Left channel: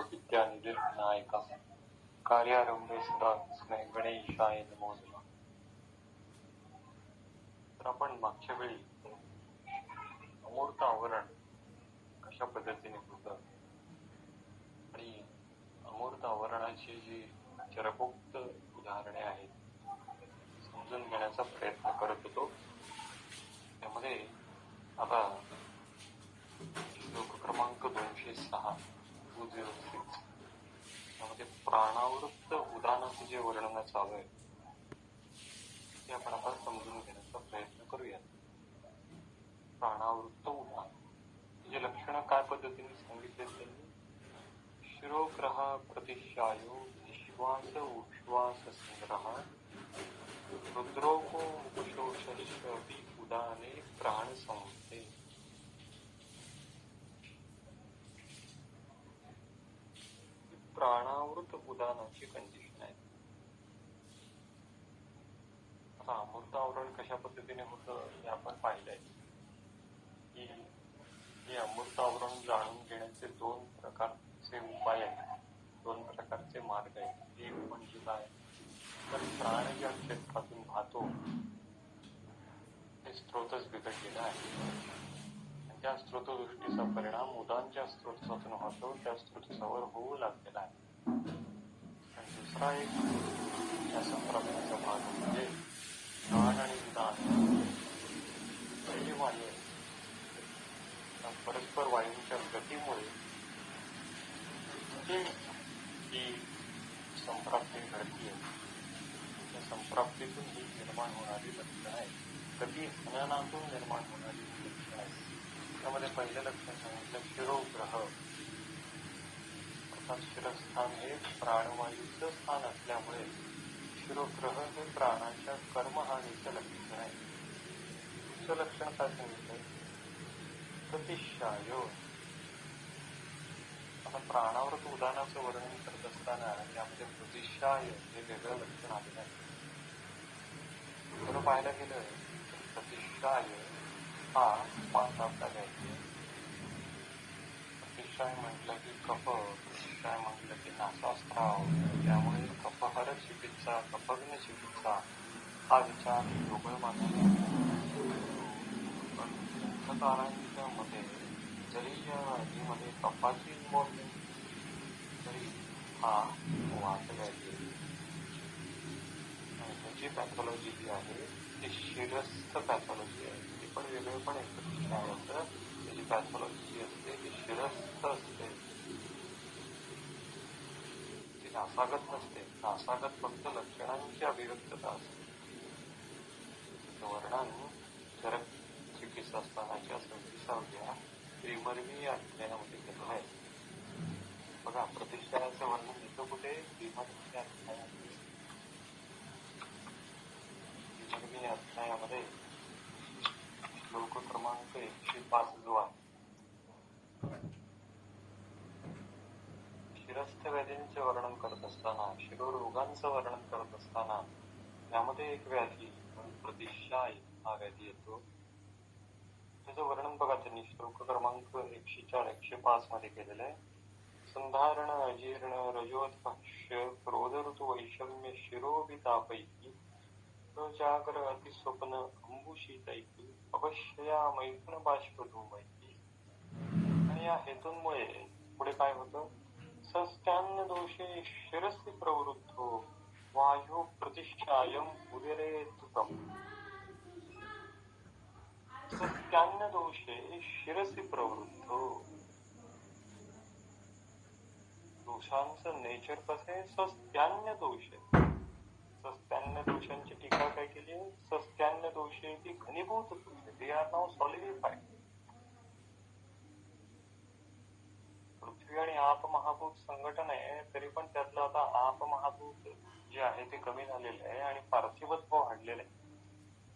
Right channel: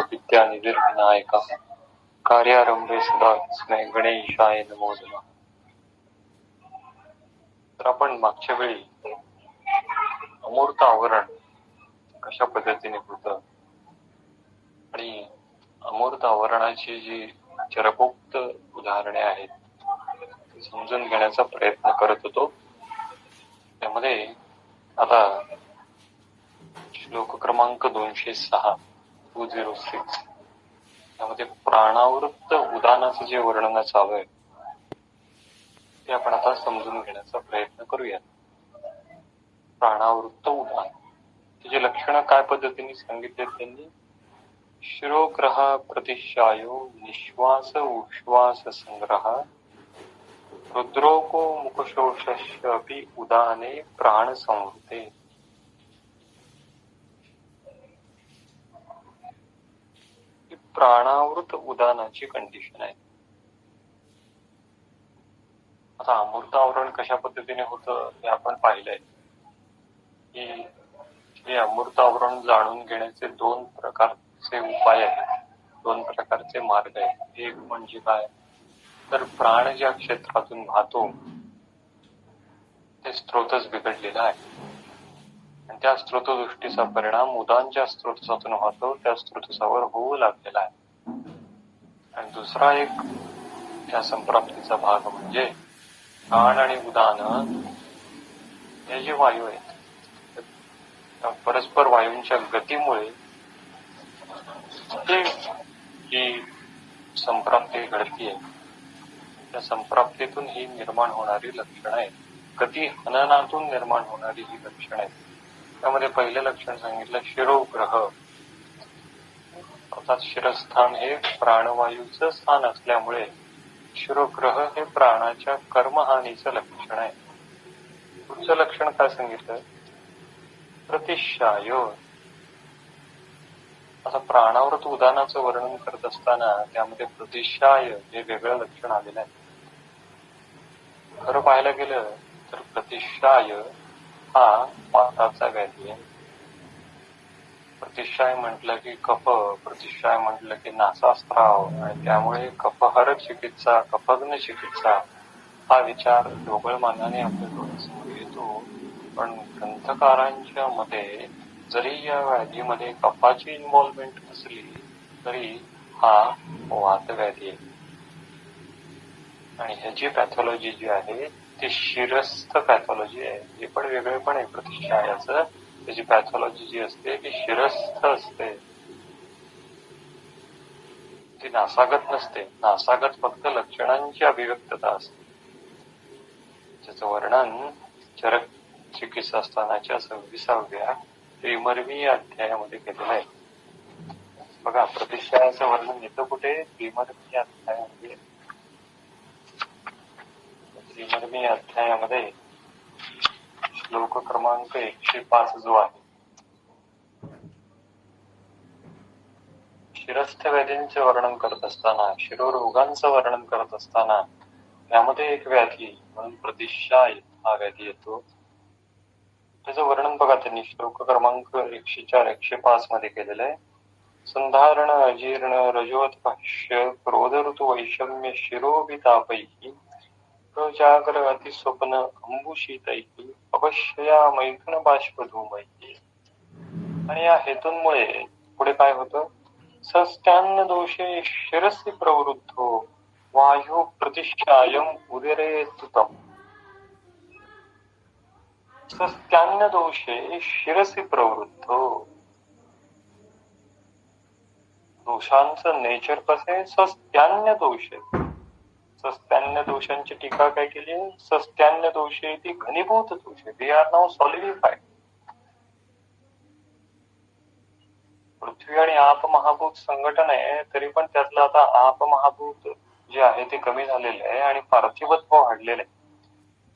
सर्वविद्यानिधिर्विनायकः कार्यारंभे सदा तस्मै गणेशाय नमो नमः. तर आपण मागच्या वेळी अमूर्त आवरण कशा पद्धतीने होतं आणि अमूर्त आवरणाची जी चरकोक्त उदाहरणे आहेत ती समजून घेण्याचा प्रयत्न करत होतो. त्यामध्ये आता श्लोक क्रमांक 206 त्यामध्ये प्राणावृत्त उदानाचं जे वर्णन चालू आहे ते आपण आता समजून घेण्याचा प्रयत्न करूया. प्राणावृत्त उदान त्याचे लक्षण काय पद्धतीने सांगितले त्यांनी. शिरोग्रह प्रतिशायो निश्वास उश्वास संग्रह रुद्रोको मुखशोषस्य अपि उदाने प्राण संवृते. प्राणावृत उदानाची कंडिशन आहे. आता अमूर्त आवरण कशा पद्धतीने होतं हे आपण पाहिलंय की हे अमूर्त आवरण जाणून घेण्याचे दोन प्रकारचे उपाय आहेत, दोन प्रकारचे मार्ग आहेत. एक म्हणजे काय तर प्राण ज्या क्षेत्रातून वाहतो ते स्त्रोतच बिघडलेला आहे आणि त्या स्त्रोतदृष्टीचा परिणाम उदान ज्या स्त्रोतसातून वाहतो त्या स्त्रोतसावर होऊ लागलेला आहे. आणि दुसरा एक या संप्राप्तीचा भाग म्हणजे प्राण आणि उदान हे जे वायू आहेत परस्पर वायूंच्या गतीमुळे जी संप्राप्ती घडतीये त्या संप्राप्तीतून ही निर्माण होणारी लक्षणं आहेत. गती हननातून निर्माण होणारी ही लक्षणं आहेत. त्यामध्ये पहिलं लक्षण सांगितलं शिरोग्रह, अर्थात शिरस्थान हे प्राणवायूचं स्थान असल्यामुळे शिरोग्रह हे प्राणाच्या कर्महानीचं लक्षण आहे. पुढचं लक्षण काय सांगितलं प्रतिशाय. आता प्राणावृत उदानाचं वर्णन करत असताना त्यामध्ये प्रतिशाय हे वेगळं लक्षण आलेलं आहे. खरं पाहायला गेलं तर प्रतिशाय हा वाताचा व्याधी आहे. प्रतिशाय म्हटलं की कफ, प्रतिशाय म्हटलं की नासास्त्राव आणि त्यामुळे कफहर चिकित्सा, कफग्न चिकित्सा हा विचार ढोबळमानाने आपल्याकडून समोर येतो. पण ग्रंथकारांच्या मते जरी या व्याधीमध्ये कफाची इन्व्हॉल्वमेंट असली तरी हा वातव्याधी आहे आणि ह्याची पॅथॉलॉजी जी आहे ती शिरस्थ पॅथॉलॉजी आहे. हे पण वेगळे पण आहे प्रतिशायाचं. त्याची पॅथॉलॉजी जी असते ती शिरस्थ असते, ती नासागत नसते. नासागत फक्त लक्षणांची अभिव्यक्तता असते. त्याचं वर्णन चरक चिकित्सास्थानाच्या 26व्या त्रिमर्मी अध्यायामध्ये केलेलं आहे. बघा प्रतिशायाचं वर्णन येतं कुठे त्रिमर्मी अध्यायामध्ये. त्रिमर्मी अध्यायामध्ये श्लोक क्रमांक 105 जो आहे शिरस्थ व्याधींचे वर्णन करत असताना, शिरोरोगांचं वर्णन करत असताना त्यामध्ये एक व्याधी म्हणून प्रतिशाय हा व्याधी येतो. त्याचं वर्णन बघा त्यांनी श्लोक क्रमांक 104 105 मध्ये केलेलं आहे. संधारण अजीर्ण रजोत भाष्य क्रोध ऋतु वैषम्य शिरोभितापैकी प्रजागर अतिस्वप्न अंबुशीतैकी अवश्यया मैथुन बाष्पधूमैकी. आणि या हेतूंमुळे पुढे काय होतं सस्त्यान्न दोषे शिरसी प्रवृद्धो वायू प्रतिशायम उदरे तुतम. सस्त्यान्न दोषे शिरसी प्रवृद्धो. दोषांचं नेचर कसं आहे सस्त्यान्न दोषे. सस्त्यान्न दोषांची टीका काय केली आहे सस्त्यान्न दोषे ती घनीभूत दोषे. They are now सॉलिडिफाईड. पृथ्वी आणि आप महाभूत संघटन आहे तरी पण त्यातलं आता आप महाभूत जे आहे ते कमी झालेलं आहे आणि पार्थिवत्व वाढलेलं आहे.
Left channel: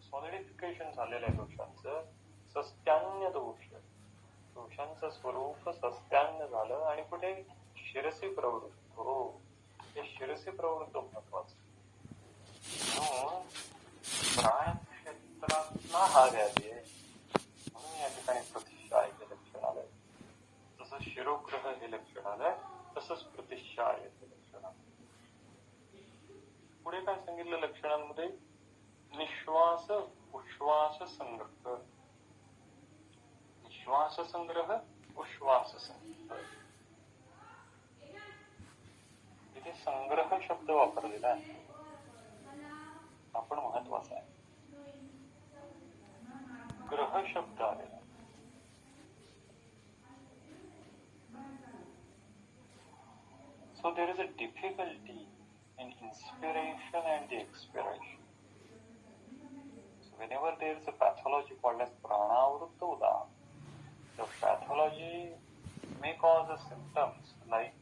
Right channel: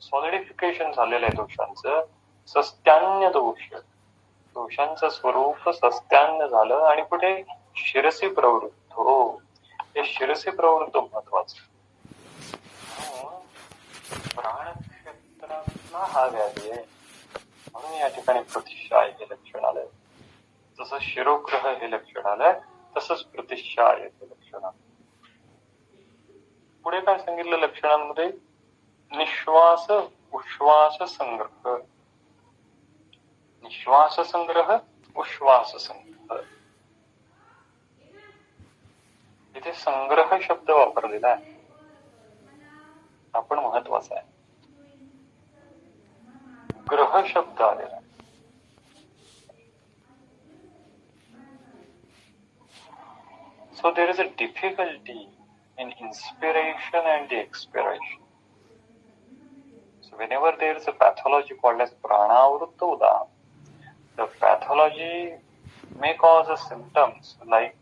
सॉलिडिफिकेशन झालेलं आहे दोषांचं. सस्त्यान्य दोष, दोषांचं स्वरूप सस्त्यान्न झालं आणि कुठे शिरसी प्रवृत्त. हो हे शिरसी प्रवृत्त महत्वाचं. प्राण क्षेत्रातला हा व्याधी आहे म्हणून या ठिकाणी प्रतिशाय हे लक्षण आलंय. जसं शिरोग्रह हे लक्षण आलंय तसं तसंच प्रतिशायते लक्षणा. पुढे काय सांगितलं लक्षणांमध्ये? निश्वास उश्वास संग्रह, निश्वास संग्रह, उश्वास संग्रह. इथे संग्रह शब्द वापरलेला आहे, आपण महत्वाचा आहे. ग्रह शब्द आलेला. So there is a difficulty in inspiration and the expiration. So whenever there is a pathology called as pranavritta udana, the pathology may cause a symptoms like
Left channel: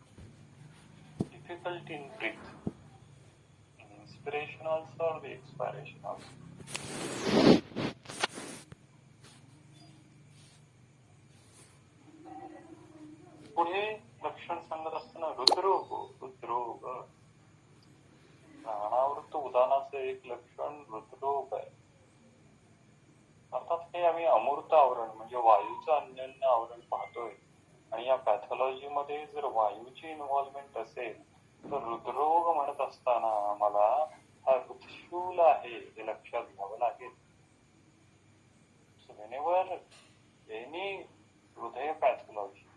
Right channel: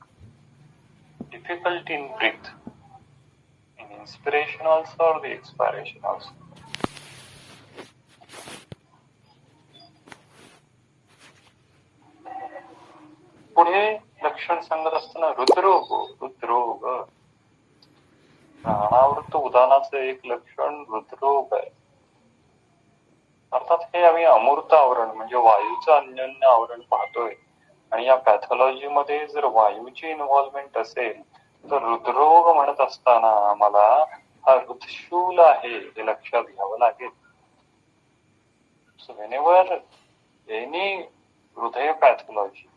difficulty in breath, in inspiration also or the expiration also. पुढे लक्षण सांगत असताना हृदरोग, हृदरोग. प्राणावृत्त उदानाचं एक लक्षण हृदरोग आहे. अर्थात हे आम्ही अमूर्त आवरण म्हणजे वायूचं अन्योन्य आवरण पाहतोय, आणि या पॅथॉलॉजी मध्ये जर वायूची इन्व्हॉल्वमेंट असेल तर हृदरोग म्हणत असताना आम्हाला हा हृदशूल आहे हे लक्षात घ्यावं लागेल. सो व्हेनेवर एनी हृदय pathology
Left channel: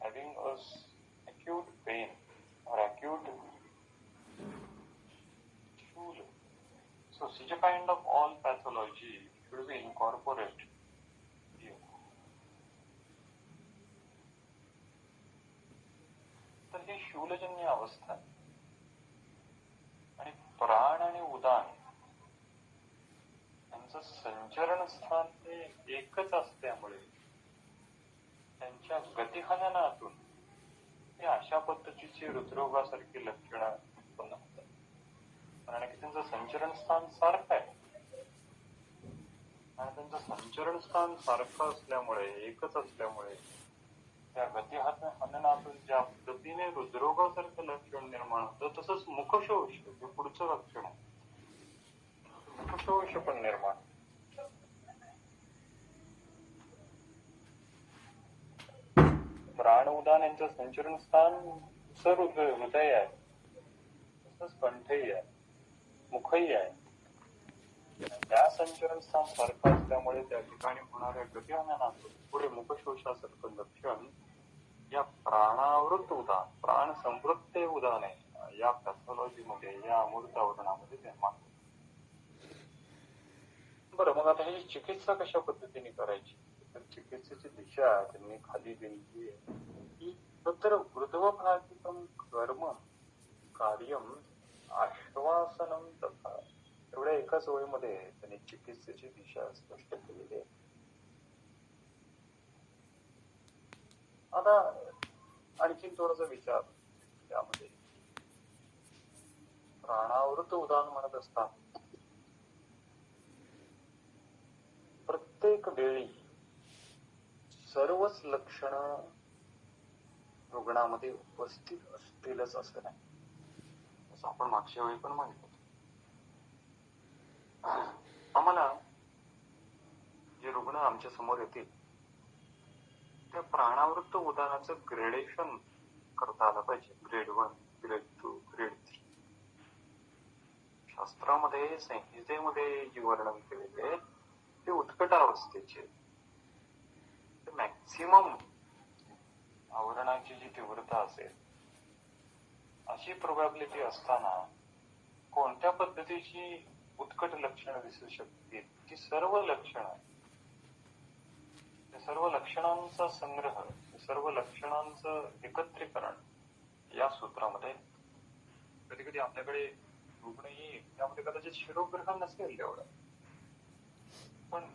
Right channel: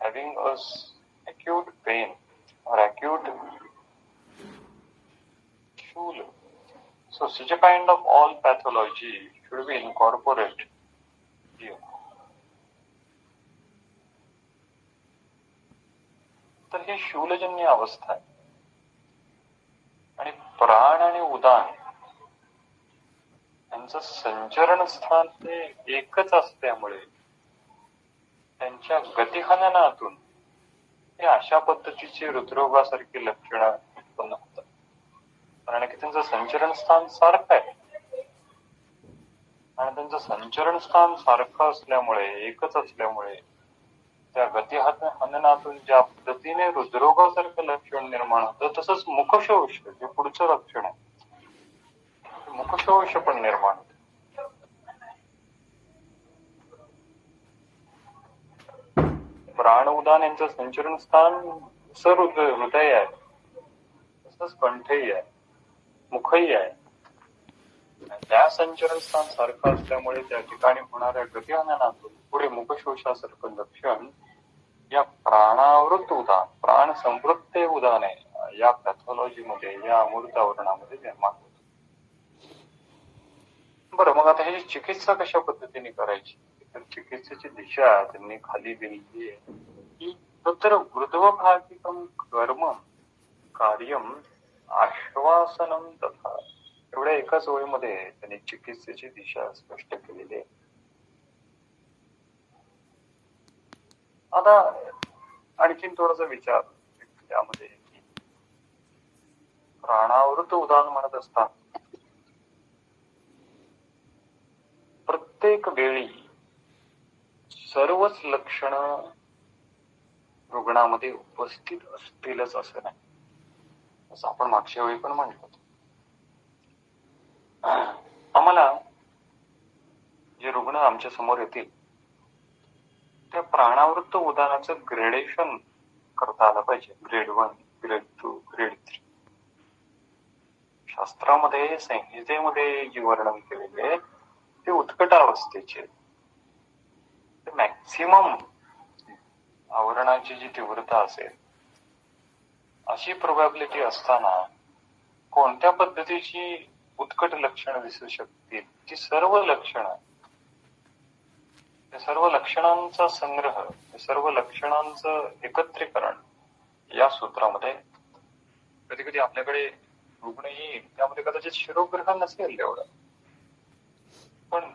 having acute pain or acute stool, so such a kind of all pathology should be incorporated here. तर ही शूलजन्य अवस्था आहे. आणि प्राण आणि उदान यांचं संचरण स्थान हे एकच असल्यामुळे त्यांच्या गतिहननातून हे अशा पद्धतीचे हृदरोगासारखी लक्षणं उत्पन्न होतात. कारण की त्यांचं संचरण स्थान सारखं आहे, आणि त्यांचं संचरण स्थान सारखं असल्यामुळे, एकच असल्यामुळे त्या गतिहननातून ज्या पद्धतीने हृदरोगासारखं लक्षण निर्माण होतं, तसंच मुखशोष जे पुढचं लक्षण आहे, मुखशोष पण निर्माण होतं. प्राण उदान यांचं संचरण स्थान हृदय आहे, तसंच कंठही आहे, मुखही आहे. त्या संचरण स्थान सारखं असल्यामुळे त्या ठिकाणी होणाऱ्या गतिहननातून पुढे मुखशोषासारखं लक्षण या प्राणावृत्त उदान, प्राण संवृत्त उदान आहे या पॅथॉलॉजी मध्ये, या अमूर्त आवरणामध्ये निर्माण होते. बरं, मग आता ही चिकित्सा कशा पद्धतीने करायची? तर चिकित्सेची दिशा त्यांनी खाली दिलेली आहे की तत्र ऊर्ध्वभागिकं कर्म कार्यम आश्वासनम तथा. एवढ्या एकाच ओळीमध्ये त्यांनी चिकित्सेची दिशा स्पष्ट केलेली आहे. आता आणखीन थोडासा विचार त्यामध्ये, प्राणावृत्त उदान म्हणत असताना प्रत्येक वेळी सर्वच लक्षण रुग्णामध्ये उपस्थित असतीलच असं नाही, असं आपण मागच्या वेळी पण म्हणलं होतं. आम्हाला जे रुग्ण आमच्या समोर येतील त्या प्राणावृत्त उदानाचं ग्रेडेशन करता आलं पाहिजे. Grade 1, grade 2, grade 3. शास्त्रामध्ये, संहितेमध्ये जे वर्णन केलेले ते उत्कटावस्थेचे, मॅक्सिमम आवरणाची जी तीव्रता असेल अशी प्रोबॅबिलिटी असताना कोणत्या पद्धतीची उत्कट लक्षणं दिसू शकतील, ती सर्व लक्षणं, सर्व लक्षणांचा संग्रह, सर्व लक्षणांचं एकत्रीकरण या सूत्रामध्ये. कधी कधी आपल्याकडे रुग्ण येईल, त्यामध्ये कदाचित शिरोग्रह नसेल एवढं, पण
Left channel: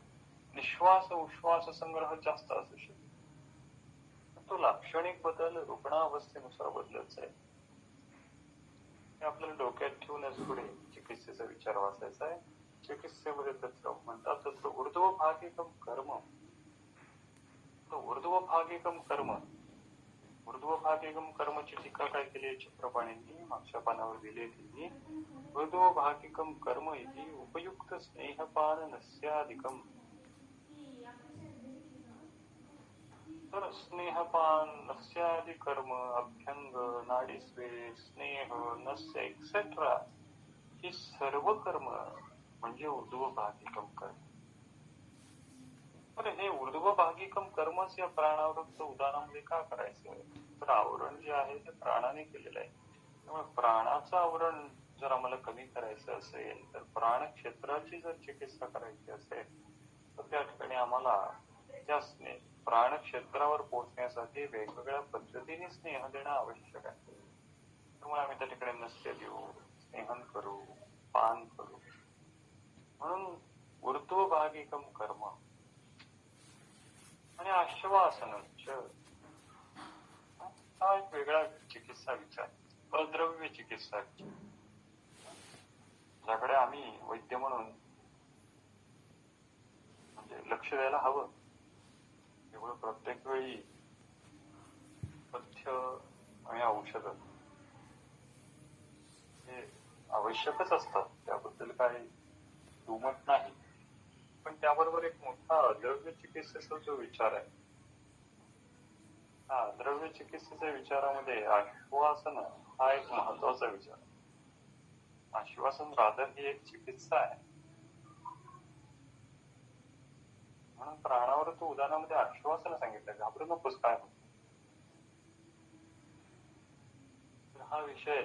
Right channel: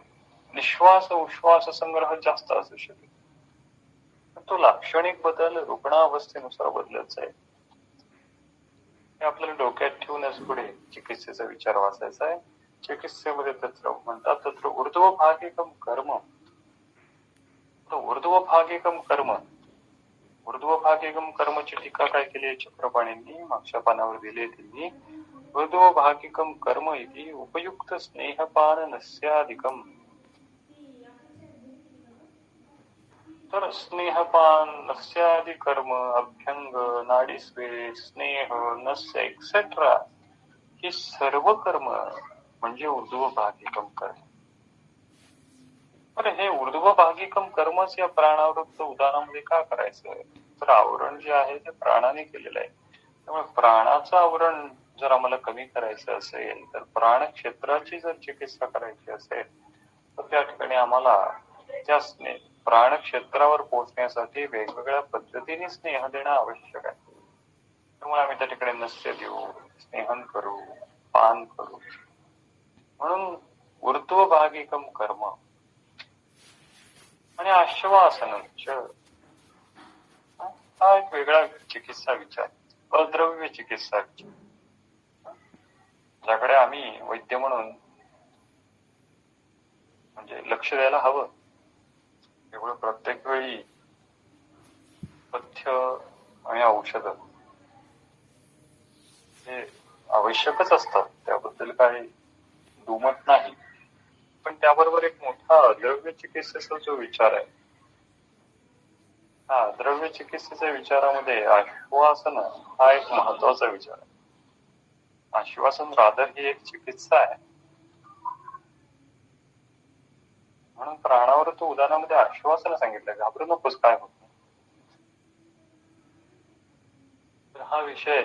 निश्वास उश्वास संग्रह जास्त असू शकेल. तो लाक्षणिक बदल रुग्णावस्थेनुसार बदलत जाईल. हे आपल्याला डोक्यात ठेवूनच पुढे चिकित्सेचा विचार वाचायचा आहे. चिकित्सेमध्ये तत्र म्हणतात तत्र ऊर्ध्वभागिकं कर्म. ऊर्ध्वभागिकं कर्म, ऊर्ध्वभागिकं कर्मची टीका काय केली चक्रपाणींनी, मागच्या पानावर दिली त्यांनी. ऊर्ध्वभागिकं कर्म इति उपयुक्त स्नेहपान नस्याधिकम. तर स्नेहपान नस्यादि कर्म, अभ्यंग, परिस्वेद, स्नेह, नस्य एक्सेट्रा ही सर्व कर्म म्हणजे ऊर्ध्वभागिकम कर्म. बरं, हे ऊर्ध्वभागिकम कर्मच या प्राणावृत्त उदाहरणामध्ये का करायचं? तर आवरण जे आहे ते प्राणाने केलेलं आहे. त्यामुळे प्राणाचं आवरण जर आम्हाला कमी करायचं असेल, तर प्राण क्षेत्राची जर चिकित्सा करायची असेल, तर त्या ठिकाणी आम्हाला त्या प्राण क्षेत्रावर पोहोचण्यासाठी वेगवेगळ्या पद्धतीने स्नेह देणं आवश्यक आहे. त्यामुळे आम्ही त्या ठिकाणी नस्य देऊ, स्नेहन करू, पान करू. म्हणून ऊर्ध्वभागिकम कर्म आणि आश्वासन हा एक वेगळा चिकित्सा विचार, अद्रव्य चिकित्सा विचार, ज्याकडे आम्ही वैद्य म्हणून म्हणजे लक्ष द्यायला हवं. एवढं प्रत्येक वेळी पथ्य आणि औषध हे आवश्यकच असतात, त्याबद्दल काही दुमत नाही. पण त्याबरोबर एक मोठा द्रव्य चिकित्सेचा जो विचार आहे, हा द्रव्य चिकित्सेच्या विचारामध्ये आश्वासन हा एक महत्वाचा विचार आहे. आश्वासन रादर ही एक चिकित्सा आहे. म्हणून प्राणावर तो उदाहरणामध्ये आश्वासन सांगितलं, घाबरू नकोस, काय होत नाही. तर हा विषय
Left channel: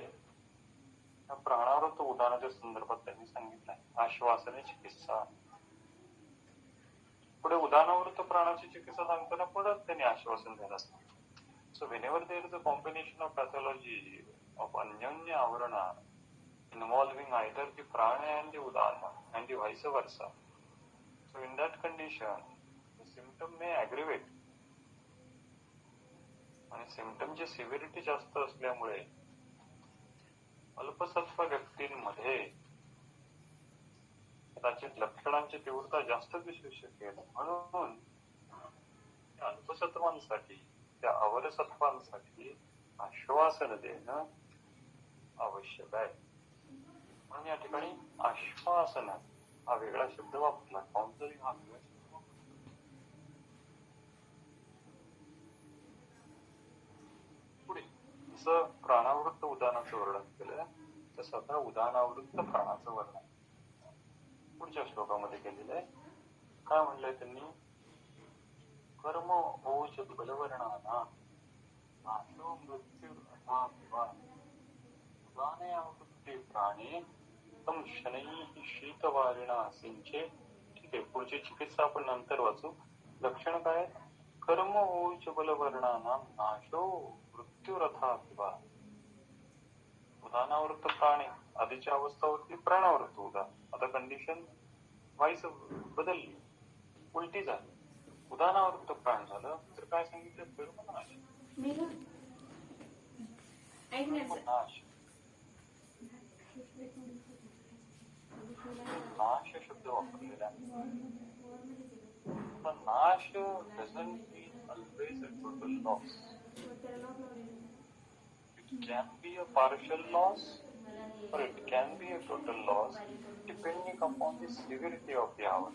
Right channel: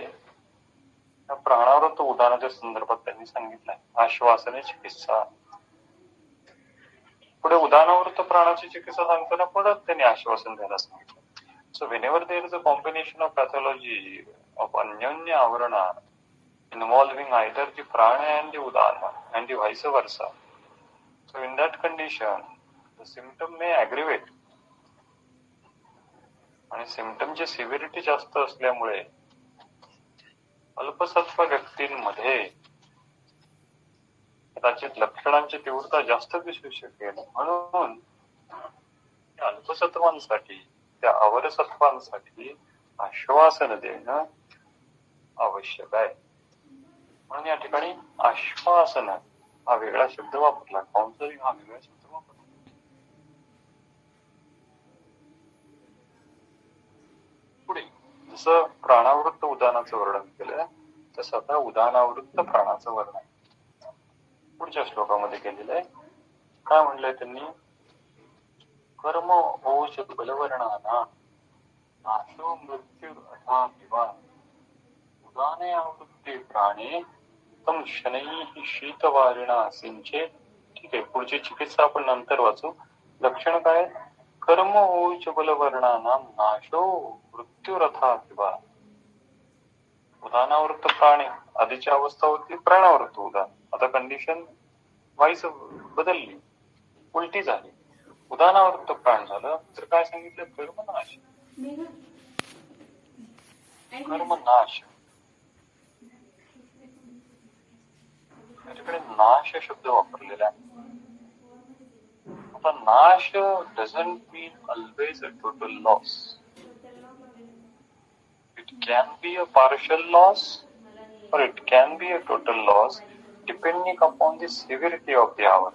प्राणावर तो उदाहरणाच्या संदर्भात त्यांनी सांगितलाय, आश्वासने चिकित्सा. पुढे उदाहरणावृत्त प्राणाची चिकित्सा सांगताना परत त्यांनी आश्वासन द्यायला सांगितलं. So whenever there is a combination of pathology of अन्योन्य आवरणा involving either the prana and the udana and the vice versa, so in that condition the symptom may aggravate. आणि सिम्पटमची सिव्हिरिटी जास्त असल्यामुळे अल्पसत्व व्यक्तींमध्ये कदाचित लक्षणांची तीव्रता जास्त दिसू शकेल. म्हणून अल्पसत्वांसाठी, त्या अवरसत्वांसाठी आश्वासन देणं आवश्यक आहे. म्हणून या ठिकाणी आश्वासन हा वेगळा शब्द वापरला, काउन्सलिंग हा वेगळा शब्द वापरला. पुढे जसं प्राणावृत्त उदाहरणाचं वर्णन केलं, तसं आता उदाहरणावृत्त प्राणाचं वर्णन पुढच्या श्लोकामध्ये केलेलं आहे. काय म्हणलंय त्यांनी? कर्म ओज बलवर्णाना नाशो मृत्यू अथा विवा उदाने आवृत्ते प्राणे तम शनैः शीतवारिणा सिंचे. ठीक आहे, पुढची चिकित्सा आपण नंतर वाचू. लक्षण काय? कर्म ओज बलवर्णाना नाशो मृत्यूरथा विवा. उदाहरणावृत्त प्राणे, आधीच्या अवस्था होती प्राणावृत्त उदाहरण, आता कंडिशन वाईस बदलली, उलटी झाली. उदाहरणावृत्त प्राण झालं तर काय सांगितलं? कर्मनाश. कर्मनाश, त्याच्याकडे नाश शब्द वापरलेला आहे. आता नाश doesn't mean always a total loss. It can be a partial loss or it can be a total loss depending upon the severity of the आवरण.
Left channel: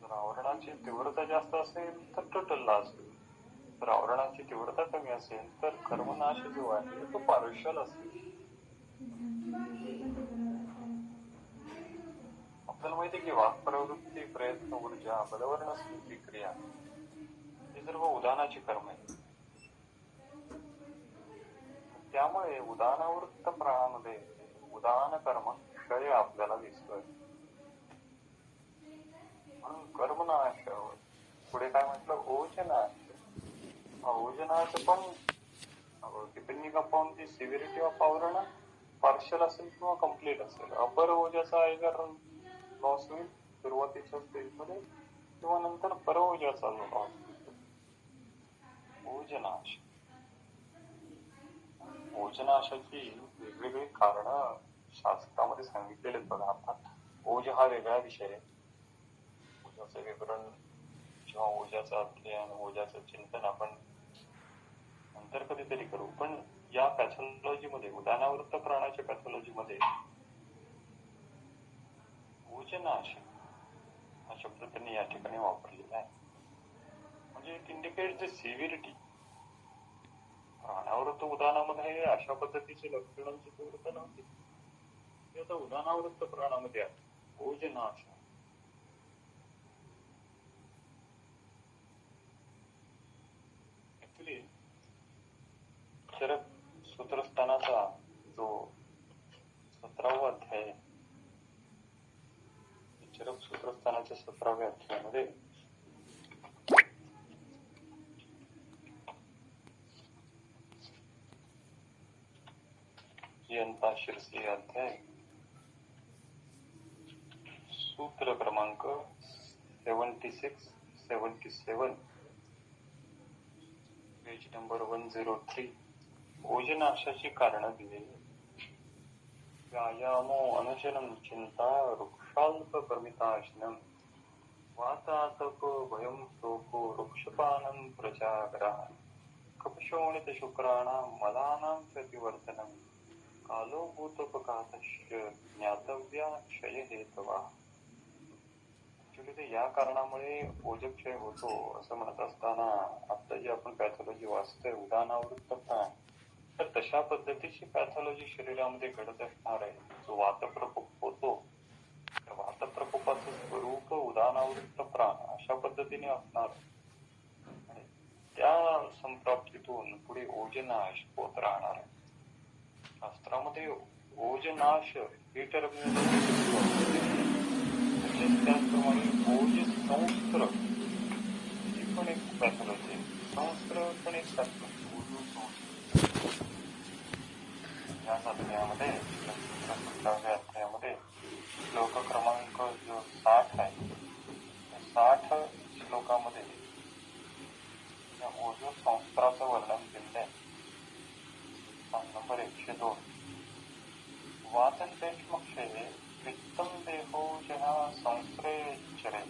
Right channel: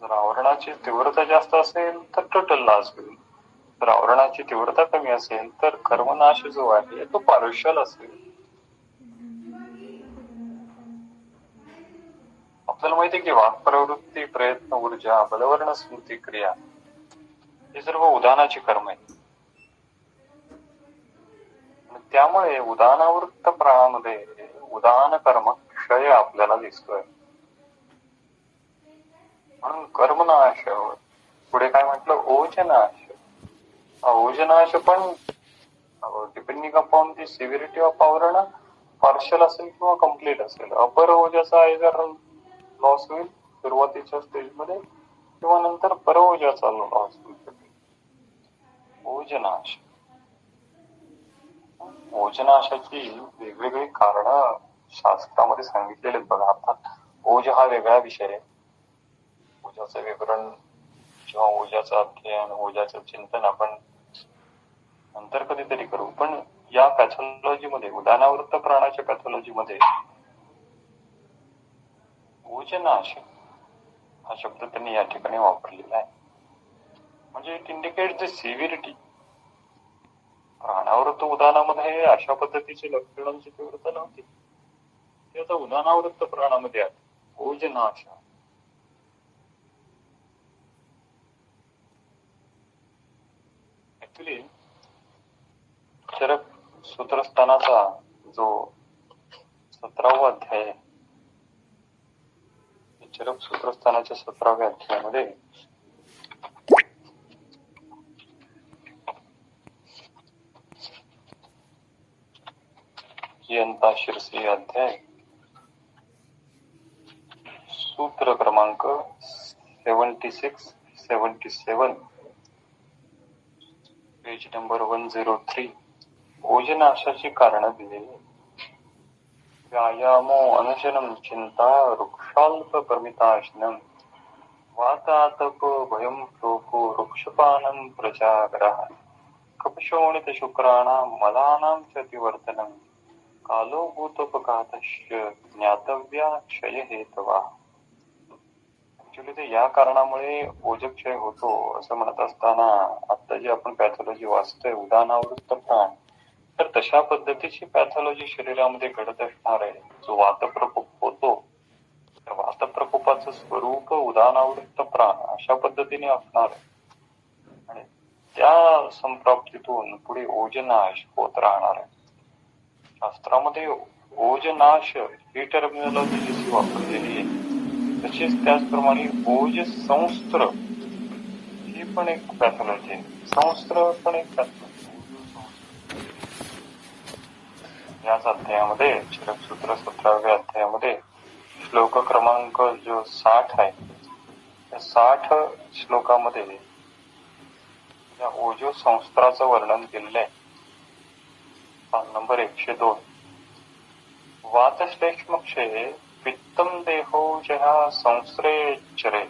जर आवरणाची तीव्रता जास्त असेल तर टोटल लॉस होईल. जर आवरणाची तीव्रता कमी असेल तर कर्मनाश जो आहे तो पार्शल असेल. आपल्याला माहिती आहे की वाक प्रवृत्ती, प्रयत्न, ऊर्जा, बलवर्ण, स्मृती, क्रिया हे सर्व उदाहरणाची कर्म आहेत. त्यामुळे उदाहरणावृत्त प्राणामध्ये उदाहरण कर्म क्षय आपल्याला दिसतोय. म्हणून कर्मनाश. पुढे काय म्हटलं? ओजनाश. ओजनाश पण depending upon the severity of आवरण पार्शल असेल किंवा कम्प्लीट असेल. अपर ओजाचा जर लॉस होईल सुरुवातीच्या स्टेजमध्ये किंवा नंतर पर ओजाचा लॉस होईल. ओजनाश. ओजनाशाची वेगवेगळी कारण शास्त्रामध्ये सांगितलेले बघा. आता ओज हा वेगळा विषय आहे. ओजाचं विवरण किंवा ओजाचं अध्ययन, ओजाचं चिंतन आपण नंतर कधीतरी करू. पण या पॅथॉलॉजी मध्ये, उदाहरणावृत्त प्राणाच्या पॅथॉलॉजी मध्ये ओजनाश हा शब्द त्यांनी या ठिकाणी वापरलेला आहे. म्हणजे इट इंडिकेट्स द सिव्हिरिटी. प्राणावृत्त उदाहरणामध्ये अशा पद्धतीची लक्षणांची तीव्रता नव्हती. ते आता उदाहरणावृत्त प्राणामध्ये आले. ओजनाशा. ऍक्च्युली चरक सूत्रस्थानाचा जो 17वा अध्याय आहे, चरक सूत्रस्थानाच्या 17व्या अध्यायामध्ये यंता शिरसी अध्याय सूत्र क्रमांक 76-77 पेज नंबर 103 ओजनाशाची कारण दिलेली. व्यायामो अनुशनं चिंता वृक्षाल्प प्रमिताशनं वातातप भयं शोको वृक्षपानं प्रजाग्रह कपशोणित शुक्राणां मलानां च तिवर्तनं कालो भूतोपघातस्य ज्ञातव्या क्षय हेतवा. ऍक्च्युली ते या कारणामुळे ओजक्षय होतो असं म्हणत असताना आता जी आपण पॅथॉलॉजी वाचतोय उदाहरणावृत्त प्राण, तर तशा पद्धतीची पॅथॉलॉजी शरीरामध्ये घडत असणार आहे. जो वातप्रकोप होतो तर वातप्रकोपाचं स्वरूप उदाहरणावृत्त प्राण अशा पद्धतीने असणार आहे आणि त्या संप्राप्तीतून पुढे ओजनाश होत राहणार आहे. शास्त्रामध्ये ओजनाश ही टर्मिनॉलॉजी जशी वापरलेली आहे तसेच त्याचप्रमाणे ओज संस्त्र ही पण एक पॅथॉलॉजी आहे. संस्त्र पण एक पॅथॉलॉजी. याच अध्यायामध्ये चरकसूत्र 17व्या अध्यायामध्ये श्लोक क्रमांक जो 60 आहे त्या 60 श्लोकामध्ये या ओजो संस्त्राचं वर्णन केलेलं आहे. नंबर 102 वातश्लेष्मक्षये पित्तम देहोजः संस्रेचरे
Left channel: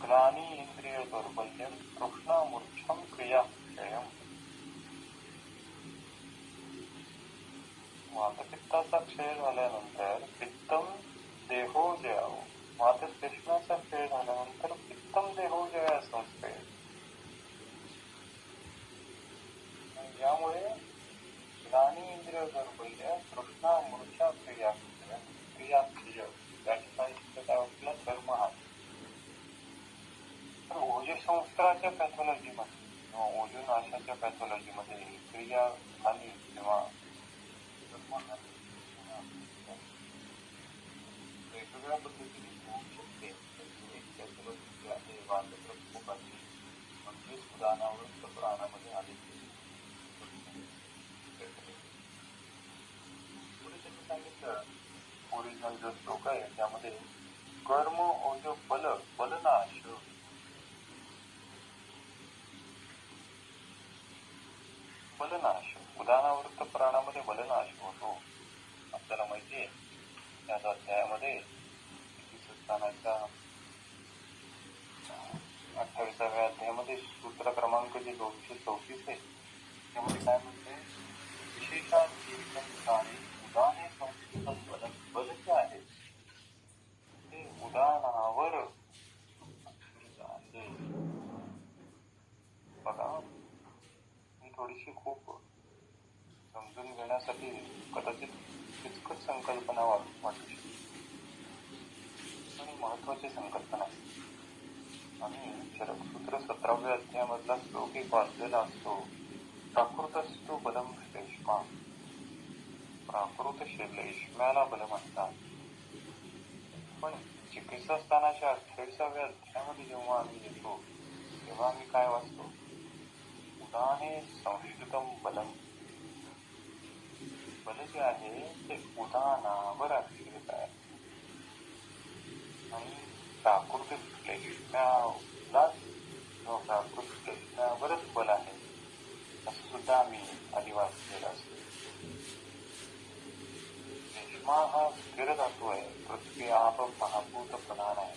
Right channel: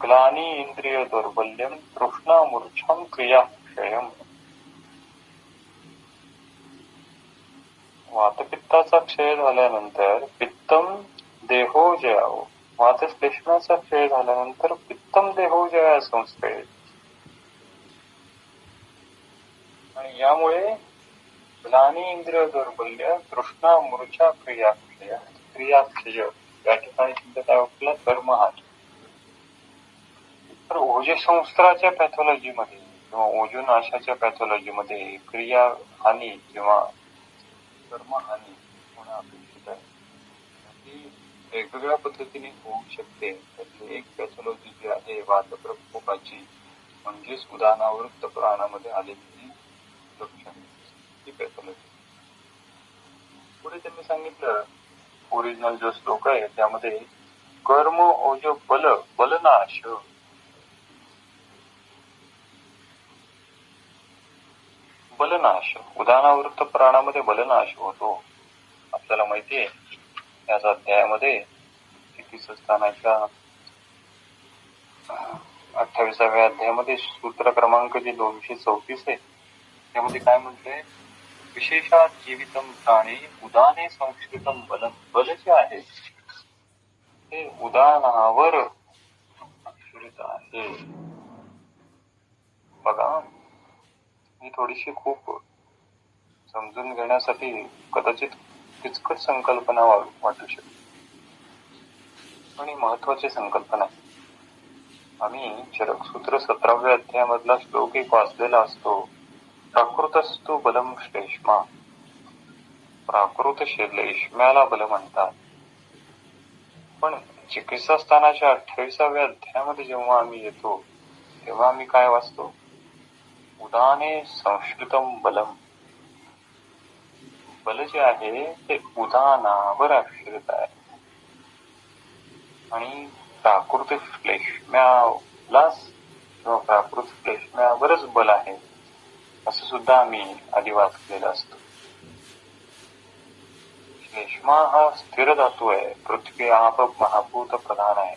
ग्लानी इंद्रिय दौर्बल्यम तृष्णा मूर्छां क्रियाक्षयम्. वातपित्ताचा क्षय झाल्यानंतर पित्तम देहोजय, वातश्लेष्माचा क्षय झाल्यानंतर पित्तम देहोजय संस्रे, आणि यामुळे ग्लानी इंद्रिय दौर्बल्य तृष्णा मूर्छा क्रियाक्षय या ठिकाणी शब्द काय वापरला? कर्महानी. तर ओजसंस्त्राच्या पॅथॉलॉजीमध्ये किंवा ओजोनाशाच्या पॅथॉलॉजीमध्ये क्रिया हानी किंवा कर्महानी होणं अपेक्षित आहे. ही वेगवेगळ्या पद्धतीने होऊ शकते. त्याची एक पॅथॉलॉजी जी आहे वातप्रकोपाची म्हणजेच उदाहरणावृत्त प्राणामध्ये आलेली लक्षणे ही पॅथॉलॉजी. पुढे त्यांनी सांगितलं ओरिजिनल जो श्लोक आहे त्यामध्ये कर्म ओज बल बलनाश, बलनाश उदाहरणावृत्त प्राणामध्ये बलनाश होतो. आपल्याला माहिती आहे याच अध्यायामध्ये स्थितीस्थानाच्या 28व्या अध्यायामध्ये सूत्र क्रमांक जे 234 आहे त्यामध्ये काय म्हटलंय? विशेषात जीवितम प्राणी उदाने संस्कृतम बल. बल जे आहे ते उदाहरणावर आश्रित आहे. बघा ही थोडीशी खूप समजून घेण्यासाठी कदाचित किचकट संकल्पना वाटू शकते पण ही महत्वाची संकल्पना आहे. आम्ही चरकसूत्र 17व्या अध्यायामधला श्लोक एक वाचलेला असतो. प्राकृतस्तु बलम श्लेष्मा, प्राकृत श्लेष्म्याला बल म्हणतात. पण चिकित्सा स्थानाच्या 28व्या अध्यायामध्ये जेव्हा आम्ही येतो तेव्हा आम्ही काय वाचतो? उदाने संस्कृतम बलम. बल जे आहे ते उदानावर आश्रित आहे आणि प्राकृत श्लेष्म्यालाच किंवा प्राकृत श्लेष्म्यावरच बल आहे असं सुद्धा आम्ही आधी वाचलेलं असतं. श्लेष्मा हा स्थिर धातू आहे. पृथ्वी आप महाभूत प्रधान आहे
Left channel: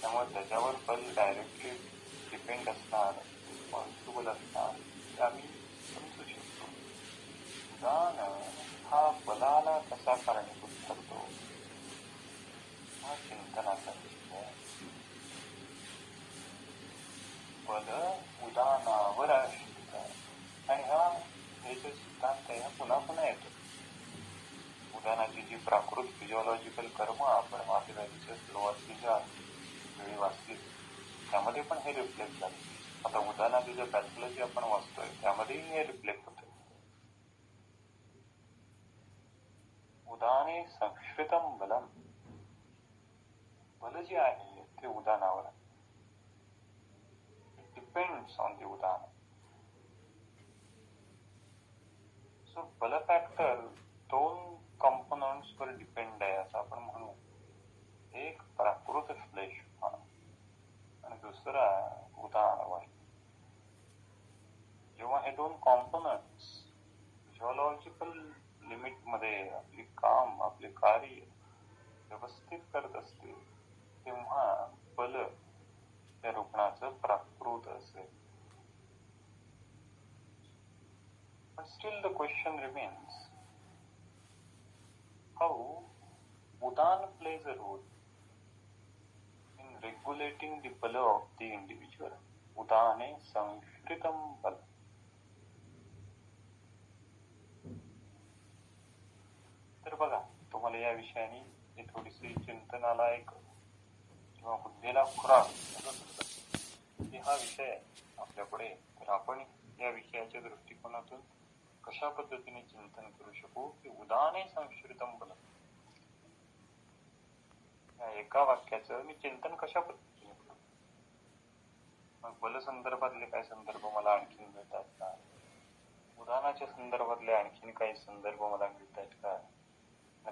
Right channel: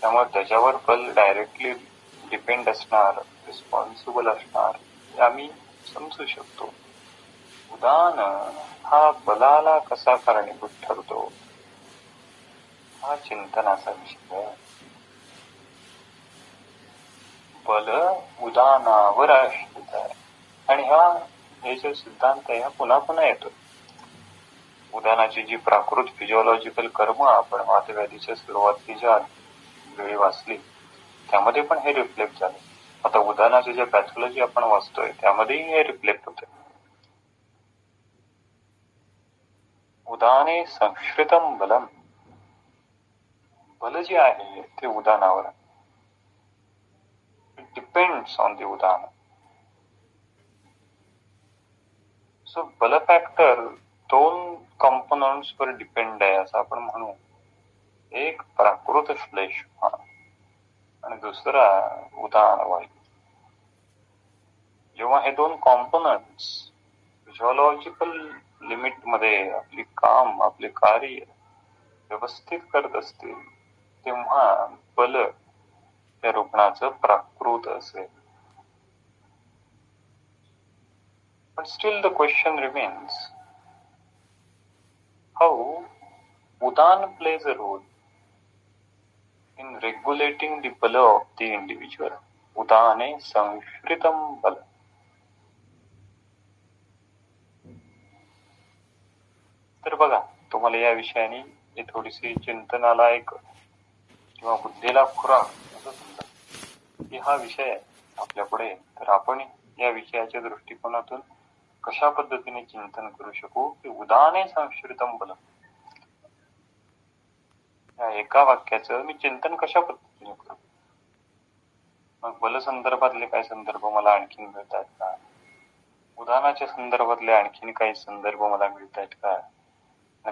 त्यामुळे त्याच्यावर बल डायरेक्टली डिपेंड असणार, रिस्पॉन्सिबल असणार हे आम्ही समजू शकतो. उदान हा बलाला कसा कारणीभूत ठरतो हा चिंतनाचा विषय आहे. बल उदानावर आश्रित आहे आणि हा हे जो सिद्धांत आहे हा पुन्हा पुन्हा येतो. उदानाची जी प्राकृत फिजिओलॉजिकल कर्म आपण वातव्याधीच्या सुरुवातीच्या वेळी वाचली त्यामध्ये पण हे रिफ्लेक्ट झालं. आता उदानाचे जे पॅथॉलॉजी आपण वाचतोय त्यामध्येही हे रिफ्लेक्ट होते. उदाने संश्रितम बलम, बल जे आहे ते उदानावर depends on the Udaan. So बल फॅक्टर दोन कॉम्पोनंट्स वर डिपेंड आहे असं आपण म्हणू. एक प्राकृत श्लेष्मा आणि दुसरा उदान वायू. जेव्हा हे दोन कॉम्पोनंट्स फिजिओलॉजिकल लिमिट मध्ये आपली काम आपले कार्य व्यवस्थित करत असतील तेव्हा बल त्या रुग्णाचं प्राकृत असेल. But still the question remains, how Udan plays a role in regulating the bala of the individual. Udane sanshritam bala. तर बघा, तुम्हाला या विषयाने हे थोडीशी चिंतनाला एक किंवा बुद्धीला खुराक असं समजा की हा विषय आपल्या पुढे, तर आपण या विषयाच्या दृष्टिकोनातून कशा पद्धतीने चिंतन करू शकू की उदाने संश्रितम बल. या एका वाक्याचं मी चिंतन कशा पद्धतीने करू. मग बल संदर्भातले काही संदर्भ मला आणखीन मिळतात का, उदानाच्या संदर्भातले आणखीन काही संदर्भ मला मिळतात का,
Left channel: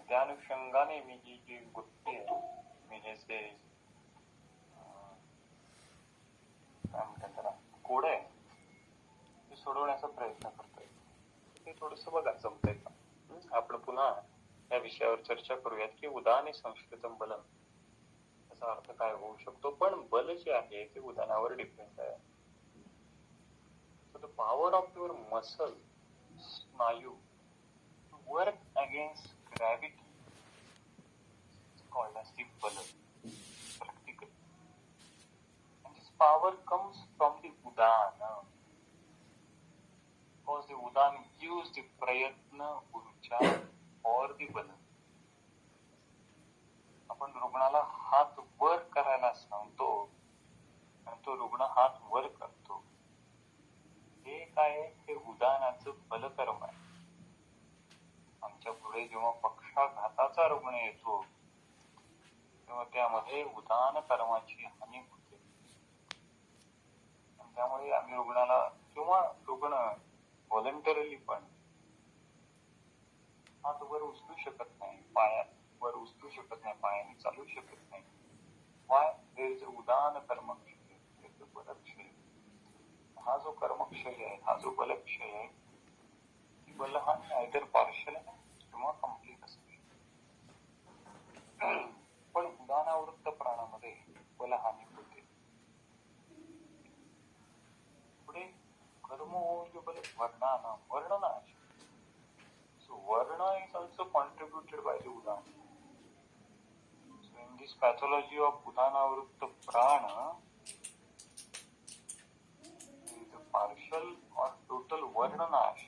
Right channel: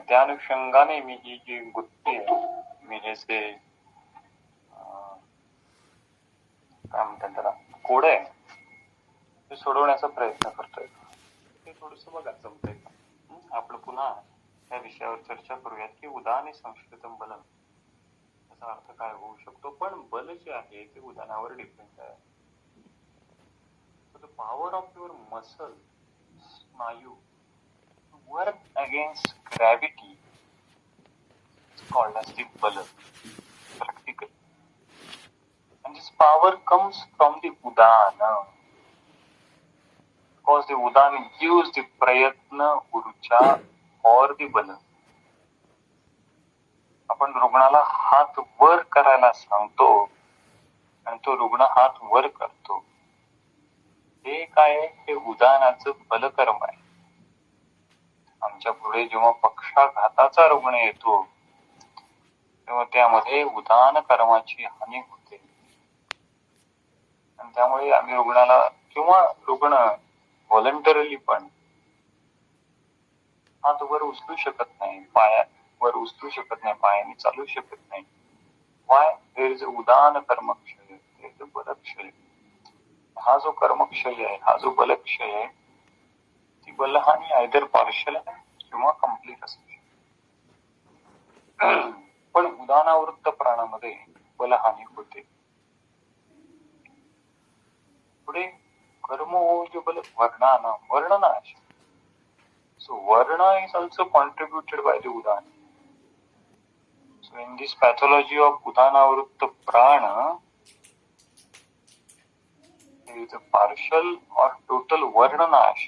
त्या अनुषंगाने मी ही जी गुत्ती आहे, मी हे जे काय म्हणतात त्याला कोड आहे ते सोडवण्याचा प्रयत्न करतोय. ते थोडस बघा जमतंय का. आपण पुन्हा या विषयावर चर्चा करूयात की उदाने संश्रितम बलम याचा अर्थ काय होऊ शकतो. पण बल जे आहे ते उदानावर डिपेंड आहे. The power of your muscle स्नायू work against gravity called as the bala practically, and this power comes from the udana because the udana gives the prayatna urja or the bala. आपण रुग्णाला हात वर करायला सांगतो आणि तो रुग्ण हात वर करतो. हे काय, हे उदानाचं बलकर्म आहे. आमच्या पुढे जेव्हा पक्षाघाताचा रुग्ण येतो तेव्हा त्यामध्ये उदान कर्माची हानी होते आणि त्यामुळे आम्ही रुग्णाला किंवा रुग्ण व्हॉलंटरीली पण हात वर उचलू शकत नाही, पायावर उचलू शकत नाही, पायाने चालू शकत नाही. Y, there is Udaan कर्मक्षय, there is बलक्षय. हा जो कर्मक्षय आहे, हा जो बलक्षय आहे, ती बलहानी आयदर पार्शल किंवा कम्प्लीट असू शकते. पण उदानावृत्त प्राणामध्ये बलहानी होते. पुढे कर्म जो बल वर्णाना वर्णनाश. So varna is also contributed by the udana. So in this pathology of udanavritta prana, there is a partial or total varnanash.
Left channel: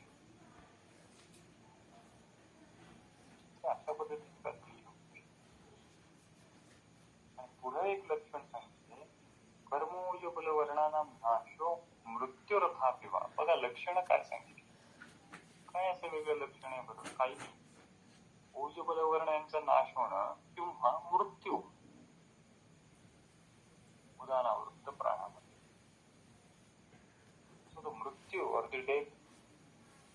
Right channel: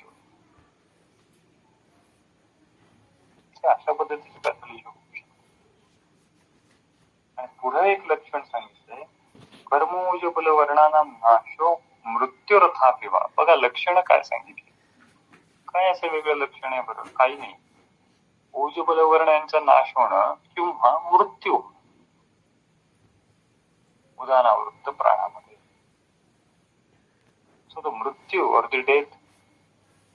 अशा पद्धतीची पॅथॉलॉजी होऊ शकते. आणि पुढे एक लक्षण सांगितलंय, कर्मोज बल वर्णाना नाशो मृत्यूरथापिवा. बघा लक्षण काय सांगितली, काय असं वेगळं लक्षण आहे बरं, काही नाही. ओज बलवर्ण यांचा नाश होणं किंवा मृत्यू उदानावृत्त प्राणामध्ये. सो द मृत्यू और the death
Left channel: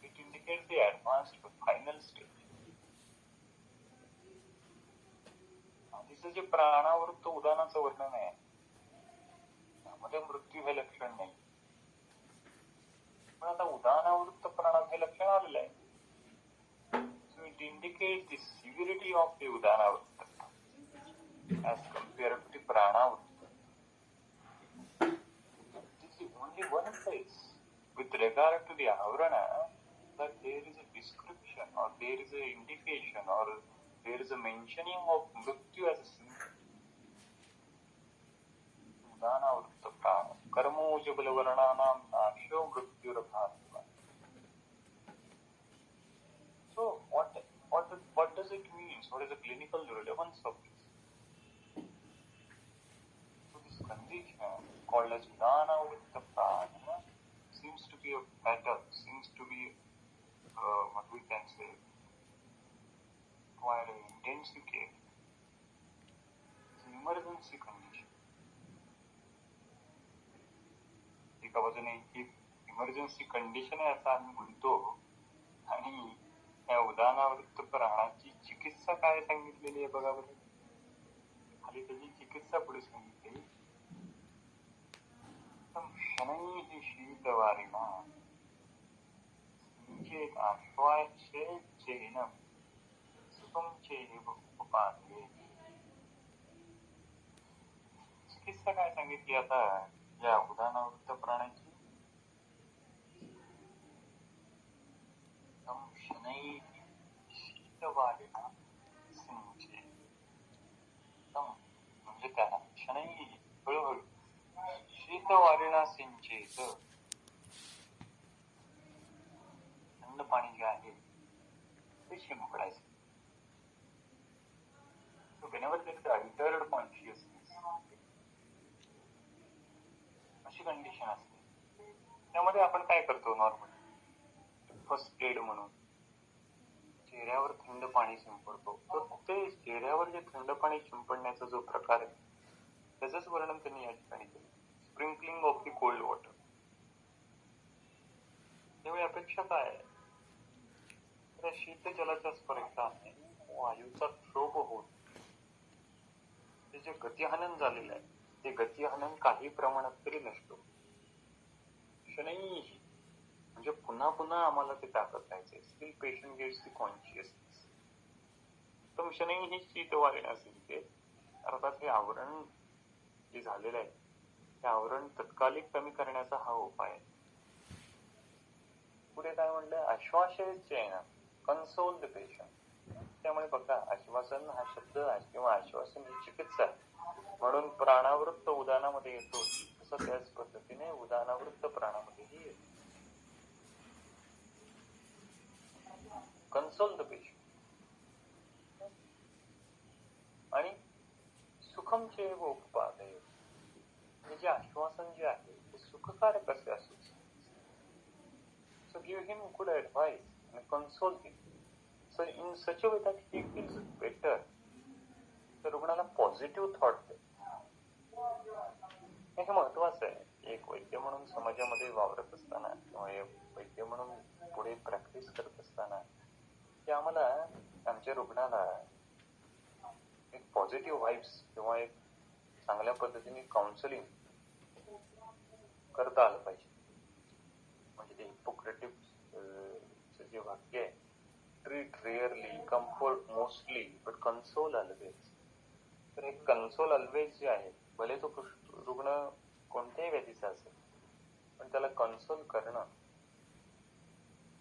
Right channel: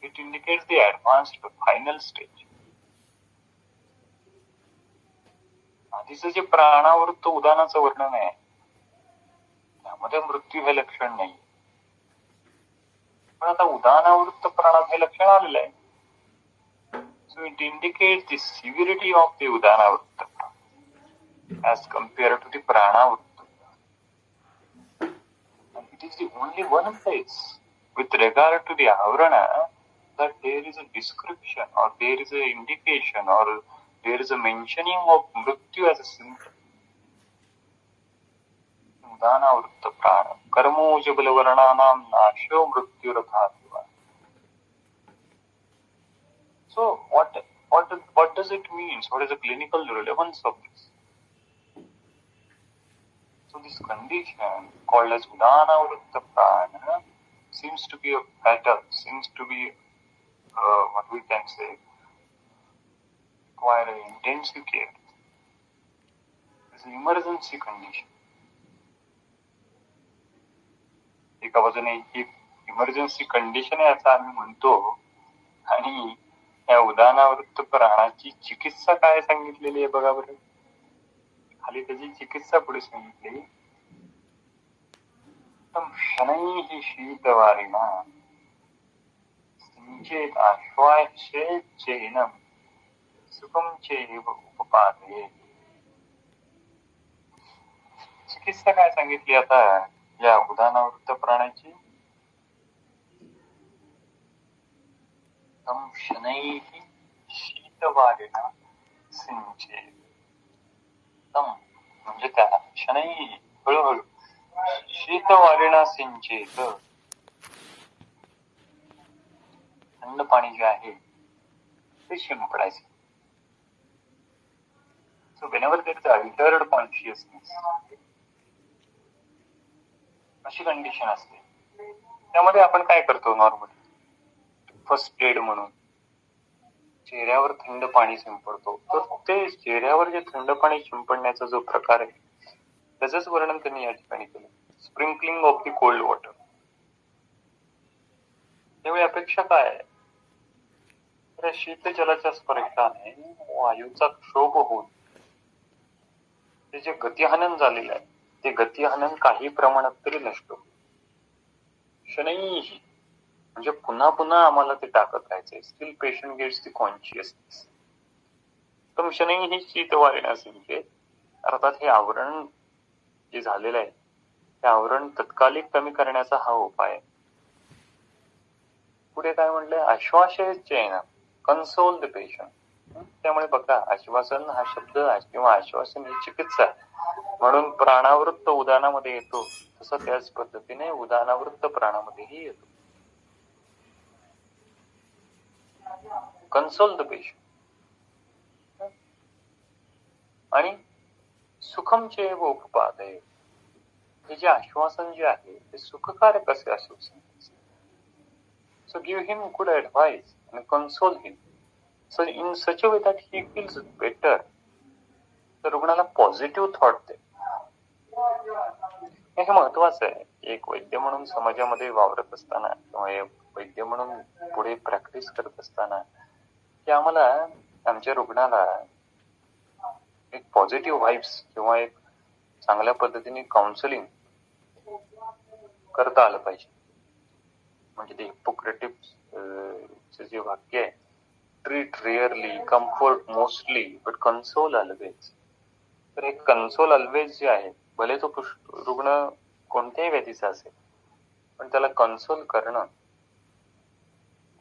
it indicates the advanced final stage. आधीच जे प्राणावृत्त उदानाचं वर्णन आहे त्यामध्ये मृत्यू हे लक्षण नाही, पण आता उदानावृत्त प्राणात हे लक्षण आलेलं आहे. So it indicates the severity of the udanavritta as compared to the pranavritta. And it is the only one place with regard to the avrana that there is a description or there is a indication or there is a mentioning of mrityu as a symptom. उदानावृत्त प्राण कर्मोज बलवर्णानां नाशो मृत्युरथापिवा. does it mean? What is the clinical relevance of this? So this condition called as Udana Vritta Prana seems to be a pattern, seems to be what we can say, require intensive care. It's an emergency condition. एका बाजूने ही emergency condition आहे असं आम्ही म्हणतो, आणि या उदाहरणावृत्त प्राणाची चिकित्सा काय सांगितलेली आहे बघा बरं. खाली त्याची चिकित्सा पुढे सांगितली, शनैः शीतवारिणा सिञ्चेत् आश्वासेच्चैनं सुखं चैव उपपादयेत्. चिकित्सा काय सांगितली आता या उदाहरणावृत्त प्राणाची. तं शनैः शीतवारिणा सिञ्चेत्. तं म्हणजे त्याला, शनैः हळूहळू, शीतवारिणा सिंचेत, थंड पाणी जे आहे ते शिंपडायचे. So whenever there is altered consciousness, अशी कंडिशन असते, त्यामध्ये आपण काय करतो नॉर्मली फर्स्ट एड म्हणून चेहऱ्यावर थंड पाणी शिंपडतो. तर ते चेहऱ्यावर जे थंड पाणी शिंपडण्याचा जो प्रकार आहे त्याचंच वर्णन त्यांनी या ठिकाणी केलं, sprinkling of the cold water. त्यावेळी अपेक्षा काय आहे, तर शीतजलाच्या स्पर्शाने वायूचा क्षोभ होऊन ते जे गतिहनन झालेलं आहे ते गतिहनन काही प्रमाणात तरी नष्ट होईल. शनैः म्हणजे पुन्हा पुन्हा आम्हाला ते टाकत राहायचंय. Still patient gets the consciousness. तर शनैः शीतवारिणा सिंचेत, अर्थात हे आवरण जे झालेलं आहे ते आवरण तत्कालिक कमी करण्याचा हा उपाय आहे. पुढे काय म्हटलंय, आश्वासेच्चैनं कन्सोल द पेशंट. त्यामुळे बघा, आश्वासन हा शब्द किंवा आश्वासन ही चिकित्सा म्हणून प्राणावृत्त उदानामध्ये येतो, तसं त्याच पद्धतीने उदानावृत्त प्राणामध्येही येतो. कन्सोल द पेशंट आणि सुखम चैव उपपादयेत्. हे जे आश्वासन जे आहे ते सुखकारक असे असू शकते. So give him good advice and console him. So in such a way that he feels better. तर रुग्णाला पॉझिटिव्ह थॉट दे. हे महत्वाचं आहे. एक वैद्य म्हणून समाजामध्ये वावरत असताना किंवा वैद्य म्हणून पुढे प्रॅक्टिस करत असताना की आम्हाला आमच्या रुग्णाला एक पॉझिटिव्ह व्हाइब्स किंवा एक चांगल्या पद्धतीने काउन्सिलिंग करता आलं पाहिजे. म्हणजे ते हिपोक्रेटिव्ह जे वाक्य आहे, treat really, comfort mostly, but console always. तर हे कन्सोल ऑलवेज जे आहे, भले तो रुग्ण कोणत्याही व्याधीचा असेल पण त्याला कन्सोल करणं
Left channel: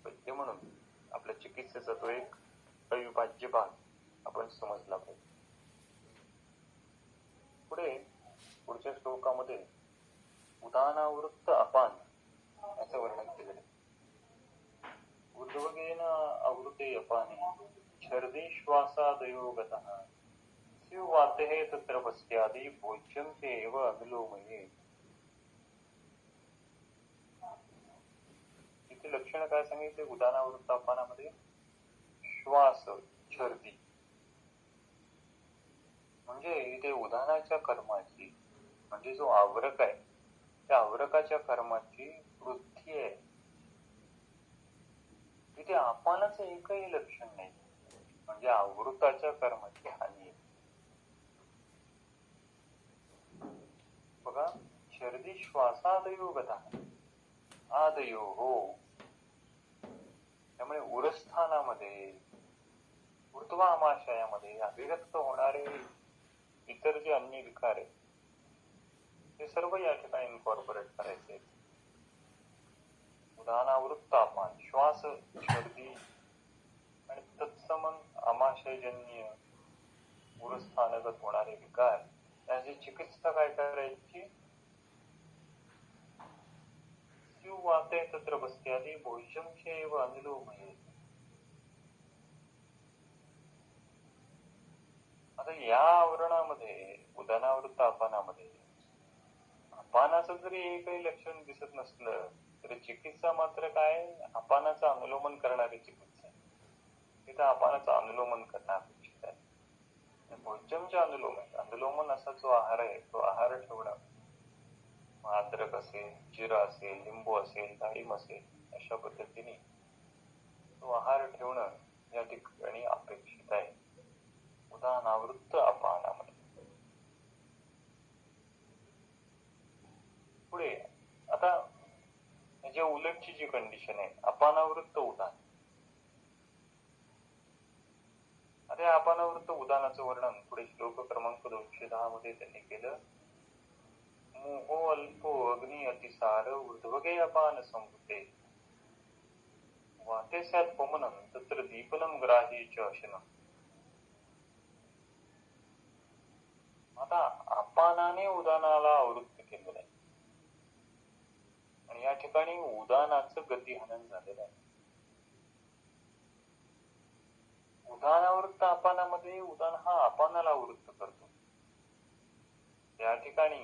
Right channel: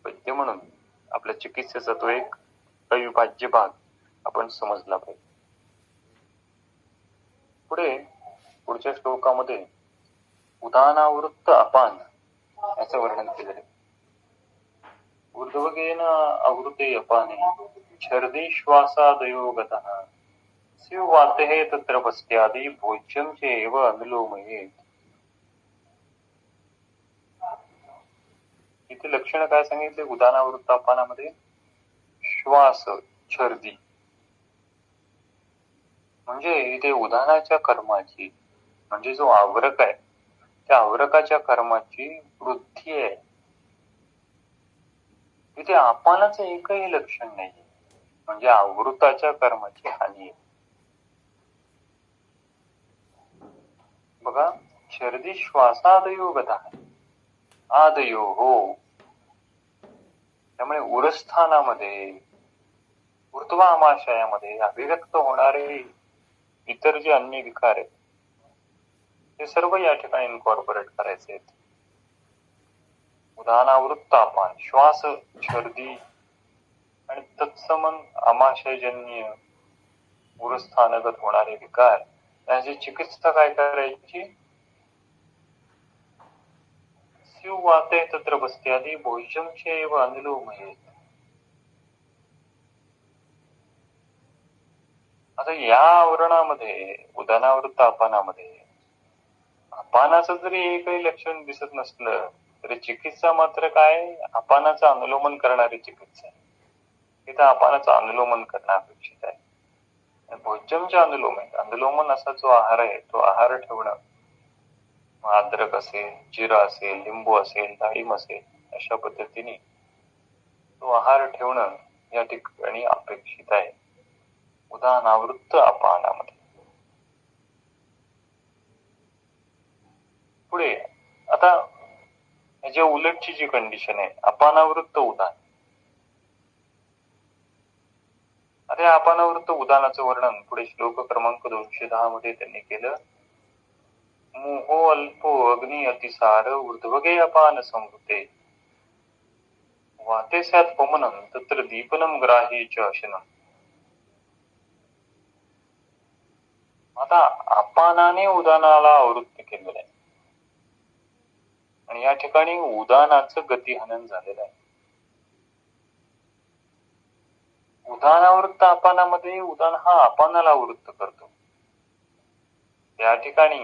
वैद्य म्हणून आपल्या चिकित्सेचा तो एक अविभाज्य भाग आपण समजला पाहिजे. पुढच्या श्लोकामध्ये उदानावृत्त अपान याचं वर्णन केलेलं आहे. ऊर्ध्वगेन आवृते अपाने छर्दी श्वासादयो गतः स्युवातेः तत्र पश्चादि भोज्यं चैव अनुलोमयेत्. इथे लक्षण काय सांगितले उदानावृत्त अपानामध्ये? श्वास, छर्दी, म्हणजे इथे उदानाच्या कर्माची, म्हणजे जो आवरक आहे त्या आवरकाच्या कर्माची वृद्धी आहे. तिथे अपानाचं एकही लक्षण नाही, म्हणजे आवृताच्या कर्माची हानी आहे. बघा, शर्दी श्वासादयो गता, आदयो हो. त्यामुळे उरस्थानामध्ये, ऊर्ध्वामाशयामध्ये अभिव्यक्त होणारे इतर जे अन्य विकार आहेत ते सर्व या ठिकाणी इन्कॉर्पोरेट करायचे आहेत. उदानावृत्त अपान, श्वास, छर्दी आणि तत्समन आमाशयजन्य उरस्थानगत होणारे विकार याची चिकित्सा काय करायची? स्युवाते तत्र बस्त्यादी भोज्यं चैव अनुलोमयेत्. आता या आवरणामध्ये उदानावृत्त अपानामध्ये अपानाचं जरी एकही लक्षण दिसत नसलं तरी चिकित्सा मात्र काय अपानाचं अनुलोमन करणारी चिकित्सा आहे. तिथं अपानाचं अनुलोमन करणं अपेक्षित आहे. भोजनचे अनुलोमन असा जो आहार आहे तो आहार ठेवणं, अद्रक असेल, जिरा असेल, लिंबू असेल, डाळिंब असेल, अशा पद्धतीने तो आहार ठेवणं या ठिकाणी अपेक्षित आहे उदानावृत्त अपानामध्ये. पुढे आता याच्या उलटची जी कंडिशन आहे अपानावृत्त उदान. आता अपानावृत्त उदानाचं वर्णन पुढे श्लोक क्रमांक 210 मध्ये त्यांनी केलं. मोहो अल्पो अग्नी अतिसार ऊर्ध्वगे अपान संवृते वाते स्यात् पवनं तत्र दीपनं ग्राही च अशनं. आता अपानाने उदानाला आवृत्त केलेलं आहे आणि या ठिकाणी उदानाचं गतिहनन झालेलं आहे. उदानावृत्त अपानामध्ये उदान हा अपानाला आवृत्त करतो. या ठिकाणी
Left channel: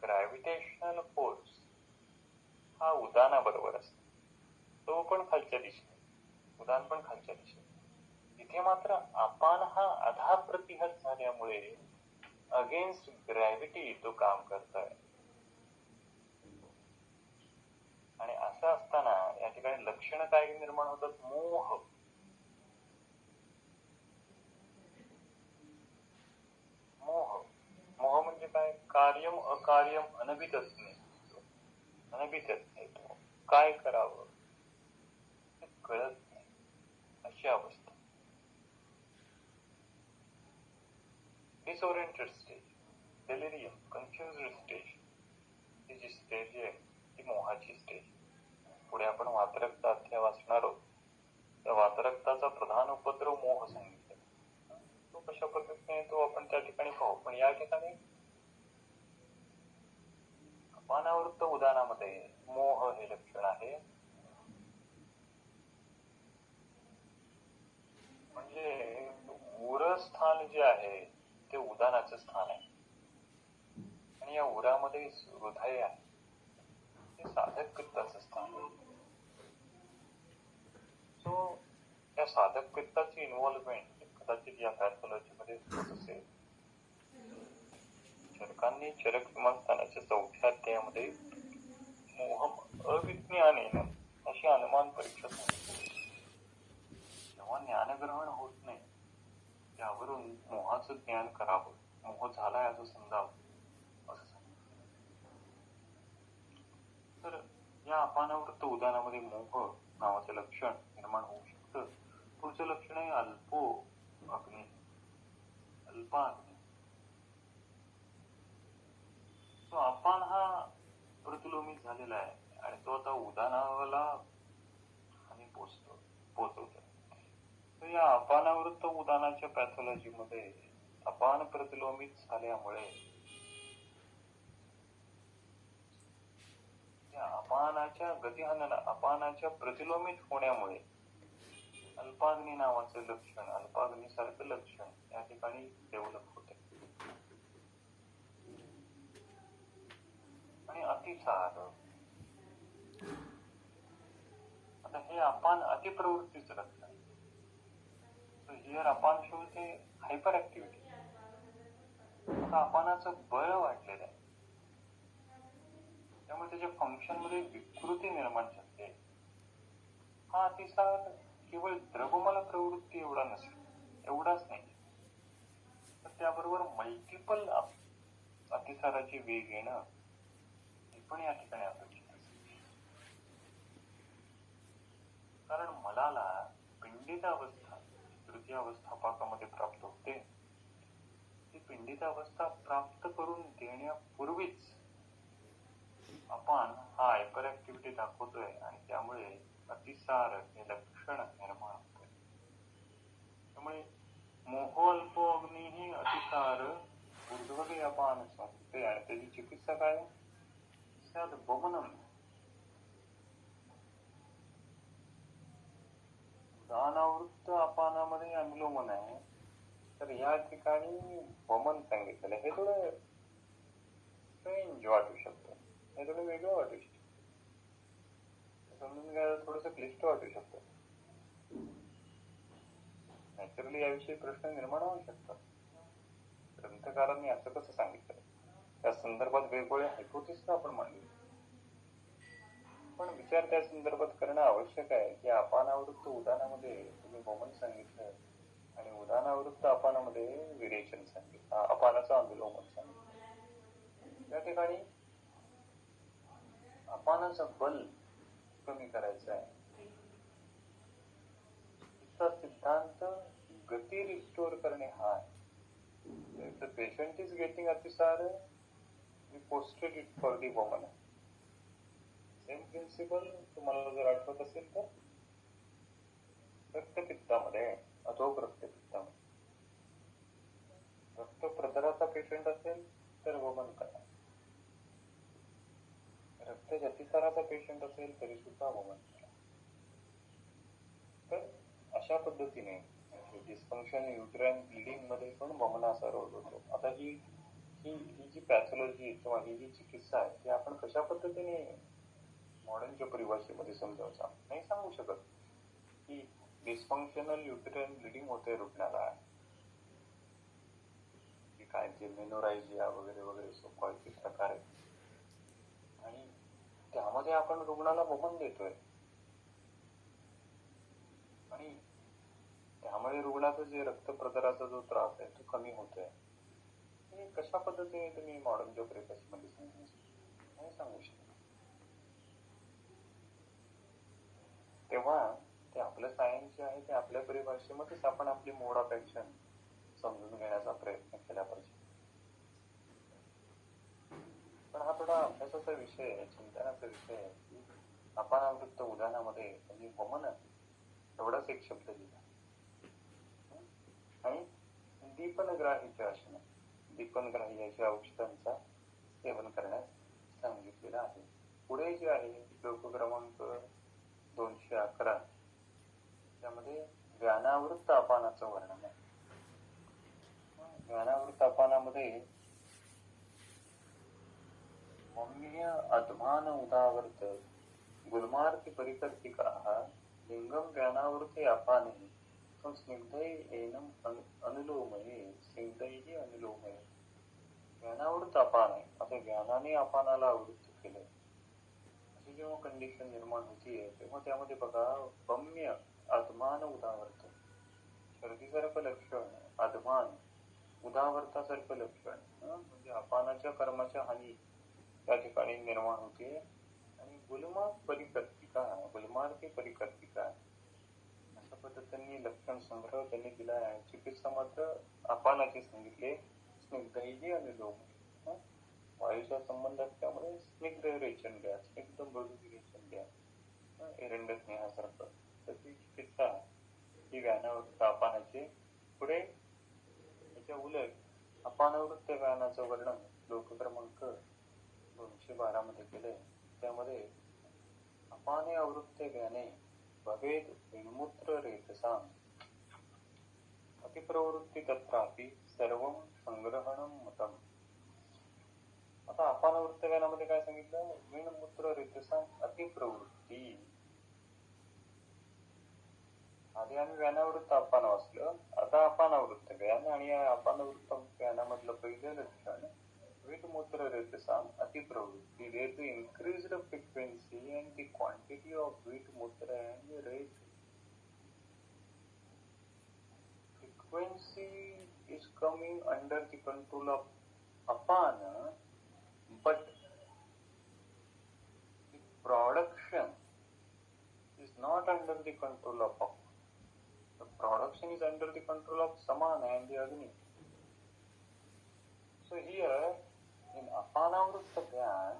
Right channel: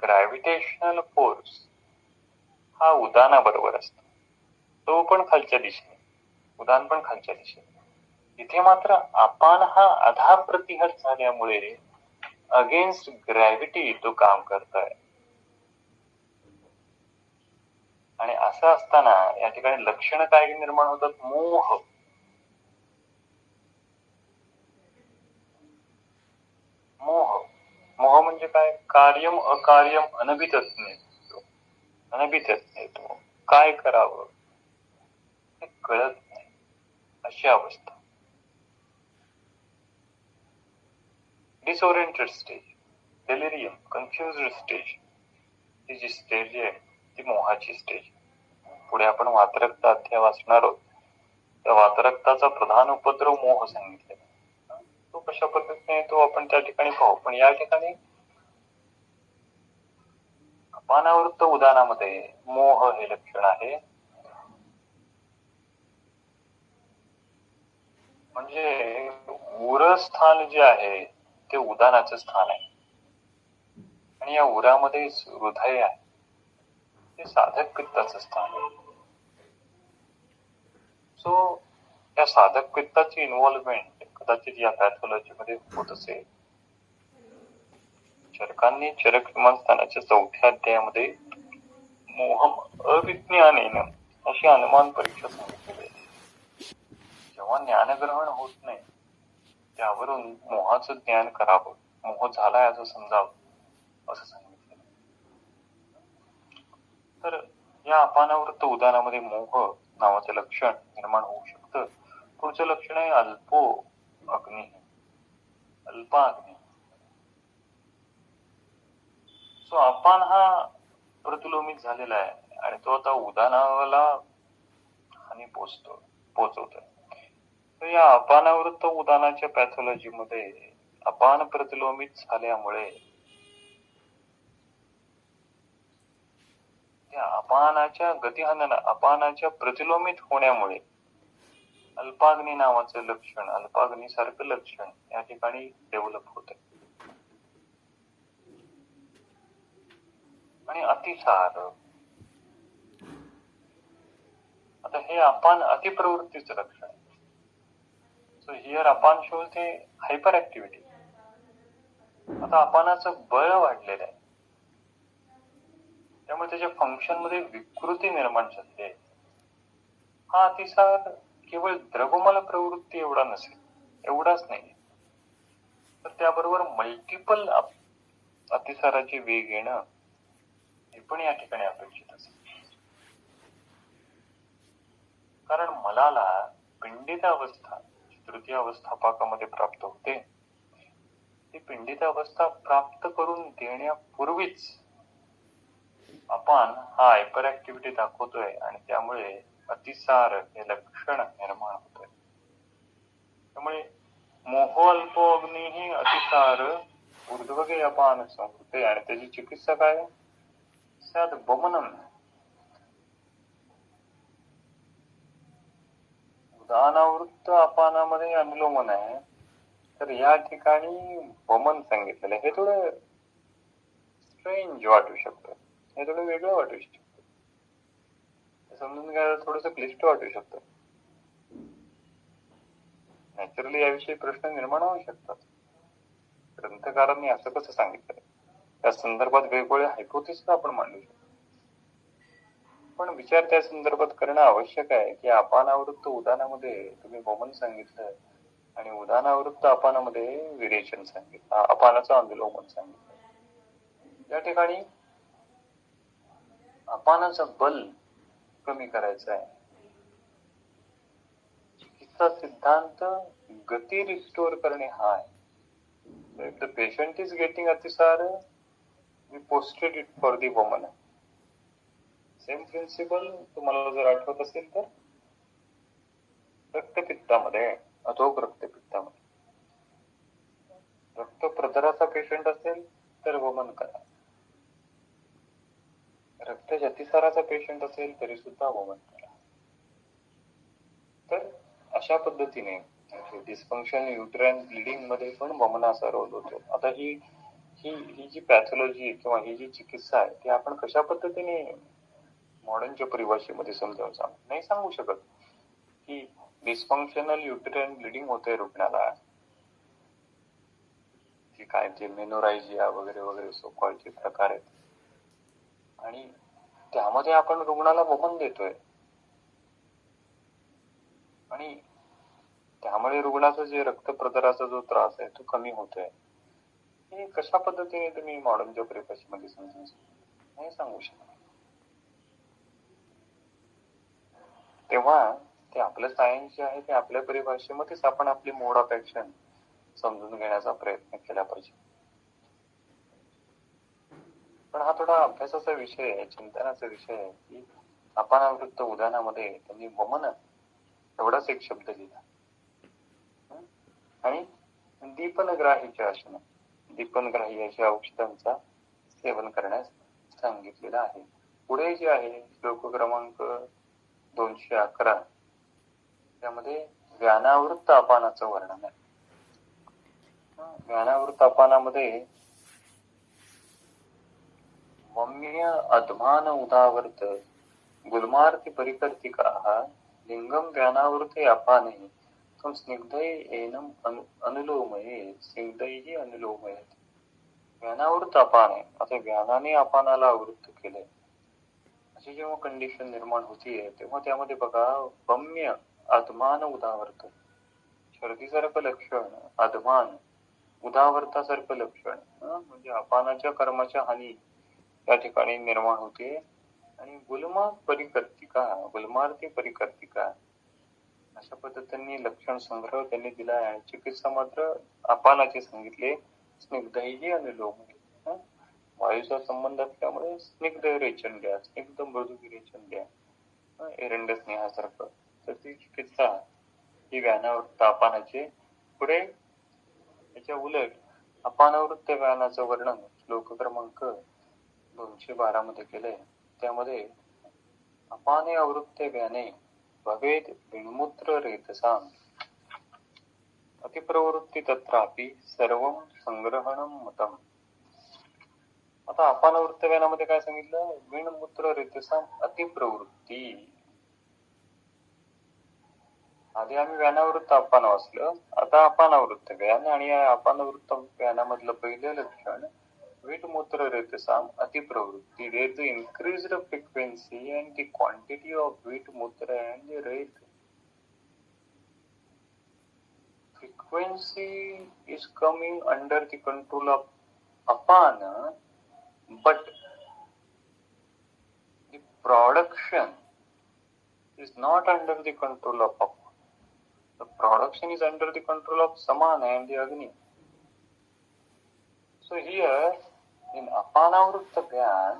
ग्रॅव्हिटेशनल फोर्स हा उदानाबरोबर असतो, तो पण खालच्या दिशेने, उदान पण खालच्या दिशेने. इथे मात्र अपान हा आधा प्रतिहत झाल्यामुळे अगेन्स्ट ग्रॅव्हिटी तो काम करतोय. आणि असं असताना या ठिकाणी लक्षण काय निर्माण होतात? मोह. मोह म्हणजे काय? कार्यम अकार्यम अनभितज्ञ. तो काय करावं हे कळत नाही, अशी अवस्था. Disoriented stage, delirium, confused stage, ही जी स्टेज आहे ती मोहाची स्टेज. पुढे आपण वातरक्त अध्याय वाचणार आहोत. त्या वातरक्ताचा प्रधान उपद्रव मोह सांगितलेला. तो कशा पद्धतीने तो आपण त्या ठिकाणी पाहू. पण या ठिकाणी अपानावृत्त उदानामध्ये मोह हे लक्षण आहे. म्हणजे उरस्थान जे आहे ते उदानाचं स्थान आहे आणि या उरामध्ये हृदय आहे, ते साधक पित्ताचं स्थान आहे. सो या साधक पित्ताची इन्व्हॉल्वमेंट कदाचित या पॅथॉलॉजी मध्ये होत असेल. चरकांनी चरक विमानस्थानाच्या 4थ्या अध्यायामध्ये मोहम अविज्ञानेन अशी अनुमान परीक्षा सांगितलेली आहे. जेव्हा ज्ञानग्रहण होत नाही त्यावरून मोहाचं ज्ञान करावं, मोह झालाय असं समजावं असं सांगितलं. तर या अपानावृत्त उदानामध्ये मोह नावाचं लक्षण निर्माण होऊ शकतं. पुढचं लक्षण आहे अल्पो अग्नी, अल्पाग्नी. सो अपान हा प्रतिलोमित झालेला आहे आणि तो आता उदानाला हानी पोचवतोय. तर या अपानावृत्त उदानाच्या पॅथॉलॉजी मध्ये अपान प्रतिलोमित झाल्यामुळे त्या अपानाच्या गतिहनन, अपानाच्या प्रतिलोमित होण्यामुळे अल्पाग्नी नावाचं लक्षण, अल्पाग्नी सारखं लक्षण या ठिकाणी डेव्हलप होत आहे. आणि अतिसार, आता हे अपान अतिप्रवृत्तीचं लक्षण आहे. सो हिअर अपान शोज हे हायपर ऍक्टिव्हिटी. आता अपानाचं बळ वाढलेलं आहे त्यामुळे त्याच्या फंक्शन मध्ये विकृती निर्माण झाली आहे. हा अतिसार केवळ द्रवमल प्रवृत्ती एवढाच नाही, तर त्याबरोबर मल्टिपल अतिसाराची वेग येणं हे पण या ठिकाणी अपेक्षित असेल. कारण मलाला पिंडित अवस्था तृतीय अवस्था पाकामध्ये प्राप्त होते. ती पिंडित अवस्था प्राप्त करून देण्यापूर्वीच अपान हा हायपर ऍक्टिव्हिटी दाखवतोय आणि त्यामुळे अतिसार हे लक्षण निर्माण होतोय. त्यामुळे मोह अल्पो अग्नी ही अतिसार ऊर्ध्वगे अपान संवृते आणि त्याची चिकित्सा काय? स्यात् पवनं. उदानावृत्त अपानामध्ये अनुलोमन आहे तर या ठिकाणी वमन सांगितलेलं आहे. हे थोडं स्ट्रेंज वाटू शकतं, हे थोडं वेगळं वाटू शकतं, समजून घ्यायला थोडस क्लिष्ट वाटू शकतं. नॅचरली याविषयी प्रश्न निर्माण होऊ शकतात. ग्रंथकारांनी असं कसं सांगितलं, त्या संदर्भात वेगवेगळ्या हायपोथेसिस आपण मांडू शकतो. पण विचार त्या संदर्भात करणं आवश्यक आहे की अपानावृत्त उदानामध्ये तुम्ही वमन सांगितलं आणि उदानावृत्त अपानामध्ये विरेचन सांगितलं, अपानाचं अनुलोमन सांगितलं. या ठिकाणी अपानाचं बल कमी करायचं आहे. चिकित्सा सिद्धांत गती रिस्टोर करणे हा आहे. If the patient is getting अतिसार, we posted it for the woman. Same principle तुम्हाला जर आठवत असेल तर रक्तपित्तामध्ये, अधोक रक्तपित्तामध्ये रक्त प्रदराचा पेशंट असेल तर वमन करा. रक्त अतिसाराचा पेशंट असेल तरी सुद्धा वमन करा. तर अशा पद्धतीने डिस्फंक्शन युट्राइन ब्लिडिंग मध्ये पण वमनाचा रोल होतो. आता ही जी पॅथॉलॉजी किंवा ही जी चिकित्सा आहे ती आपण कशा पद्धतीने मॉडर्नच्या परिभाषेमध्ये समजावून नाही सांगू शकत की डिस्फंक्शनल युट्राइन ब्लिडिंग होते रुग्णाला, की काय ते मेनोरायजिया वगैरे वगैरे सोकॉलचे प्रकार आहेत आणि त्यामध्ये आपण रुग्णाला वमन देतोय आणि त्यामुळे रुग्णाचा जे रक्तप्रदराचा जो त्रास आहे तो कमी होतोय. हे कशा पद्धतीने तुम्ही मॉडर्नच्या परिभाषेमध्ये समजून नाही सांगू शकत. तेव्हा ते आपलं सायन्स जे आहे ते आपल्या परिभाषेमध्येच आपण आपली मोड ऑफ ऍक्शन समजून घेण्याचा प्रयत्न केला पाहिजे. पण हा थोडा अभ्यासाचा विषय आहे, चिंतनाचा विषय आहे की अपानावृत्त उदानामध्ये त्यांनी वमन एवढाच एक शब्द लिहिला आणि दीपनग्राहीच्या आसन, दीपनग्राही औषधांचा सेवन करण्यास सांगितलेलं आहे. पुढे जे आहे श्लोक क्रमांक 211 त्यामध्ये व्यानावृत्त अपानाचं वर्णन आहे. व्यानावृत्त अपानामध्ये मम्य अध्मान उदावर्त गुलमार्ति परिकर्तिकाः लिंगम व्यानावृते अपाने तम स्निग्धै एनम अनुलोमये स्निग्धैः अनुलोमयेत. व्यानावृत्त अपान आहे, आता व्यानाने अपानाला आवृत्त केले अशी जेव्हा कंडिशन निर्माण होतीये तेव्हा त्यामध्ये बघा वम्य अध्मान उदावर्त, शर्दीसारखं लक्षण, अध्मान उदावर्तासारखं लक्षण, म्हणजे अपानाच्या कर्माच्या हानी त्या ठिकाणी निर्माण होते आणि गुलमार्ती परिकर्तिका अशा पद्धतीने लक्षण संग्रह त्यांनी दिला आहे. चिकित्सा मात्र अपानाचे सांगितले स्निग्धही अनुलोम, वायूचा संबंध असल्यामुळे स्निग्ध रेचन द्या, स्निग्ध मृदू रेचन द्या, एरंड स्नेहासारखं. तर ती चिकित्सा ही व्यानावृत्त अपानाचे. पुढे याच्या उलट अपानावृत्त व्यानाचं वर्णन श्लोक क्रमांक 212 मध्ये केलंय. त्यामध्ये अपाने आवृत्ते व्याने भवेद विणमूत्र रेतसाम अतिप्रवृत्ती तत्रापि सर्वं संग्रहणं मतम. आता अपानवृत्त व्यानामध्ये काय सांगितलं, विणमूत्र रेतसाम अतिप्रवृत्ती. आधी आम्ही व्यानावृत्त अपान वाचलं, आता अपानावृत्त व्यान आणि या अपानवृत्त व्यानामधलं पहिलं लक्षण विटमूत्र रेतसाम अतिप्रवृत्ती. There is the increased frequency and the quantity of Vitmutra and the rate. Frequency is coming under the control of apana, but the production is not under the control of apana. The production is under the control of samana and the agni. So here in अपानावृत्त व्यान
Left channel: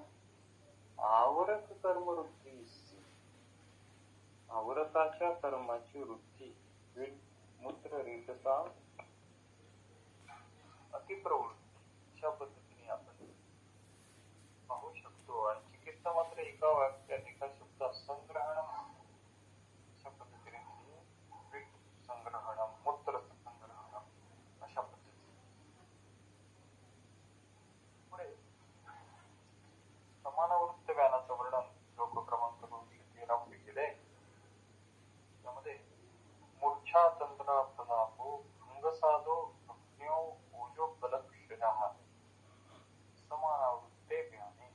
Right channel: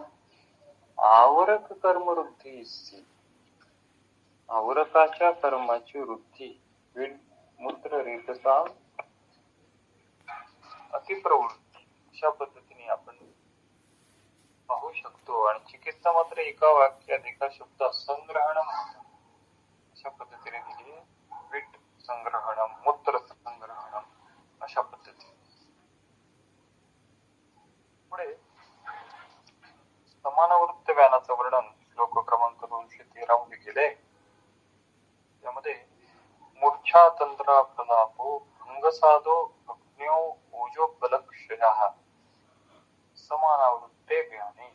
आवरक कर्मवृद्धी असते, आवरकाच्या कर्माची वृद्धी मूत्र रेतसा अतिप्रवृत्ती अशा पद्धतीने आपण पाहू शकतो. आणि चिकित्सा मात्र एका वाक्यात एका शब्दात संग्रहणम अशा पद्धतीने दिली. विट संग्रहणम, मूत्र संग्रहणम अशा मूर्छातंत्रा प्रलापो भंगसादो अग्न्यो ओजो बलक्षयः समानावृत्ते ज्ञाने.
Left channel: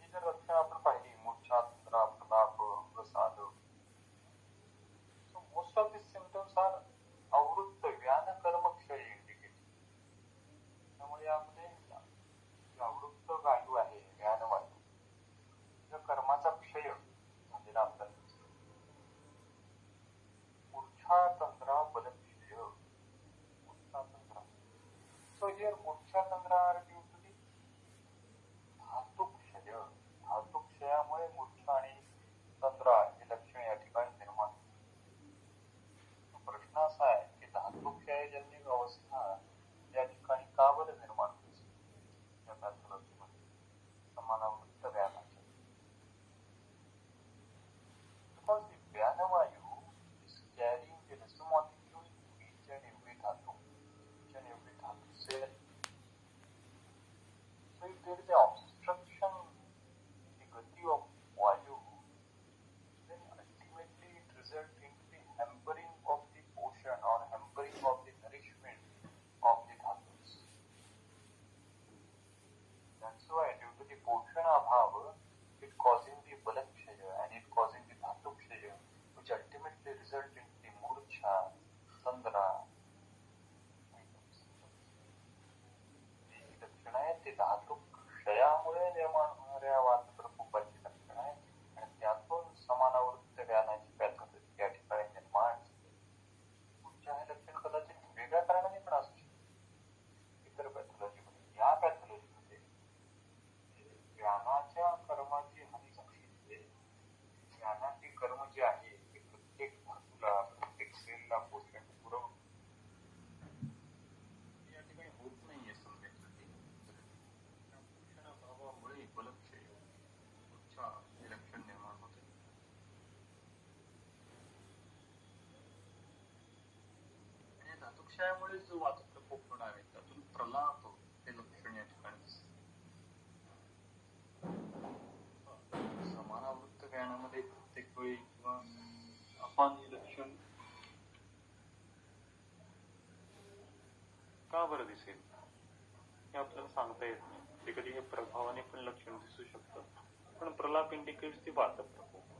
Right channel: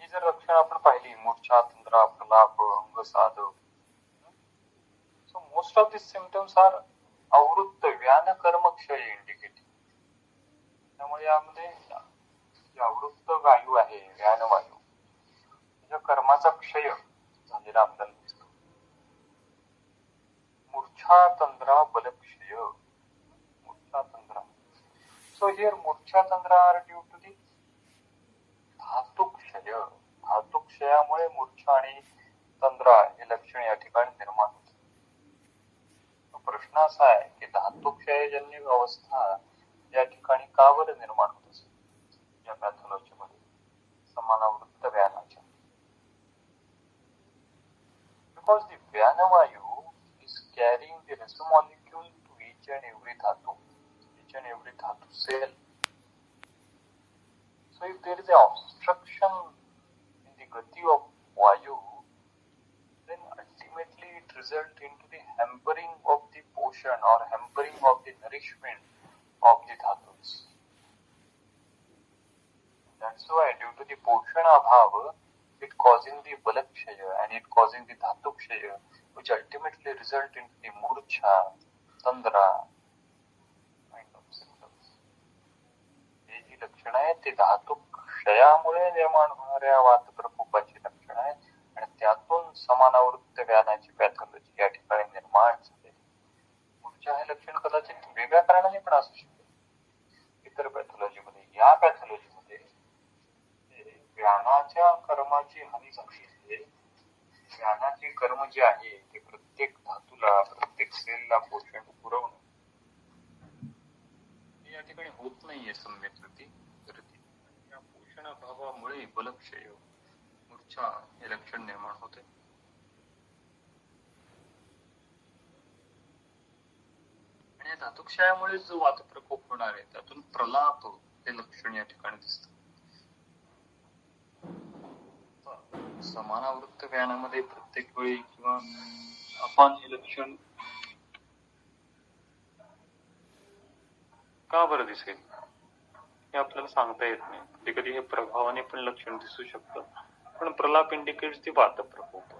ही जर लक्षणं आपण पाहिली, मूर्छातंत्रा प्रलाप अंगसाद, so most of these symptoms are आवृत्त व्यान कर्म क्षय इंडिकेटिंग. त्यामुळे यामध्ये आवृत्त वायू आहे, व्यान वायू, त्याच्या कर्माचा क्षय झालेला आपल्याला दिसतो. मूर्छातंत्रा बलक्षय, मूर्छातंत्रा. So here मूर्छातंत्रा are due to the धातुक्षय. धातुक्षयामुळे मूर्छा आणि तंद्रा हे लक्षण या ठिकाणी निर्माण होते. प्रश्न असा आहे की धातुक्षयजन्य अवस्था या ठिकाणी का बरं निर्माण होत असेल या पॅथॉलॉजी मध्ये समानावृत्त व्यानाच्या? बिकॉज द व्यानवायू इज कॅरिंग द रेसो molecule to each and every dhatu cell. So if there is an obstruction in the gati of vayu, then ultimately it results into the hampering of the portion or hampering of the nourishment of the dhatus. That's why due to the portion abhav, it causing the balakshaya and it causing the dhatukshaya, which ultimately result in the murcha, tandra kind of symptoms. हे जी लक्षण आहेत ते धातुक्षयामुळे निर्माण होणाऱ्या वात प्रकोपाची लक्षण आहेत आणि त्यातून समानावृत्त व्यानाची पॅथॉलॉजी या ठिकाणी निर्माण झाली. मूर्छा हे लक्षण कदाचित वेगळ्या कारणाने पण असू शकते इतर पॅथॉलॉजी मध्ये. या पॅथॉलॉजी मध्ये व्यानाच्या कर्माची हानी झाली आहे. व्यानाचे कर्म जे आहे ते प्रत्येक धातूला, प्रत्येक सेलला पोषण पुरवणं या ठिकाणी होत नाहीये सम्यक रीती. या पोषण अभावामुळे बलक्षय, मूर्छा हे लक्षण निर्माण होते. आणि या धातुक्षयामुळे जो वातप्रकोप होणार आहे त्यातून प्रलाप हे लक्षण या ठिकाणी दिसत. समानावृत्त व्यानामध्ये प्रत्येक वेळी किंवा आपण हे लक्षण का बरं दिसेल हे आपल्याला सांगता येत नाही. कधी कधी हे प्रभावाने पण लक्षण दिसू शकतं, पण प्रलाप इंडिकेट्स दी वात प्रकोप.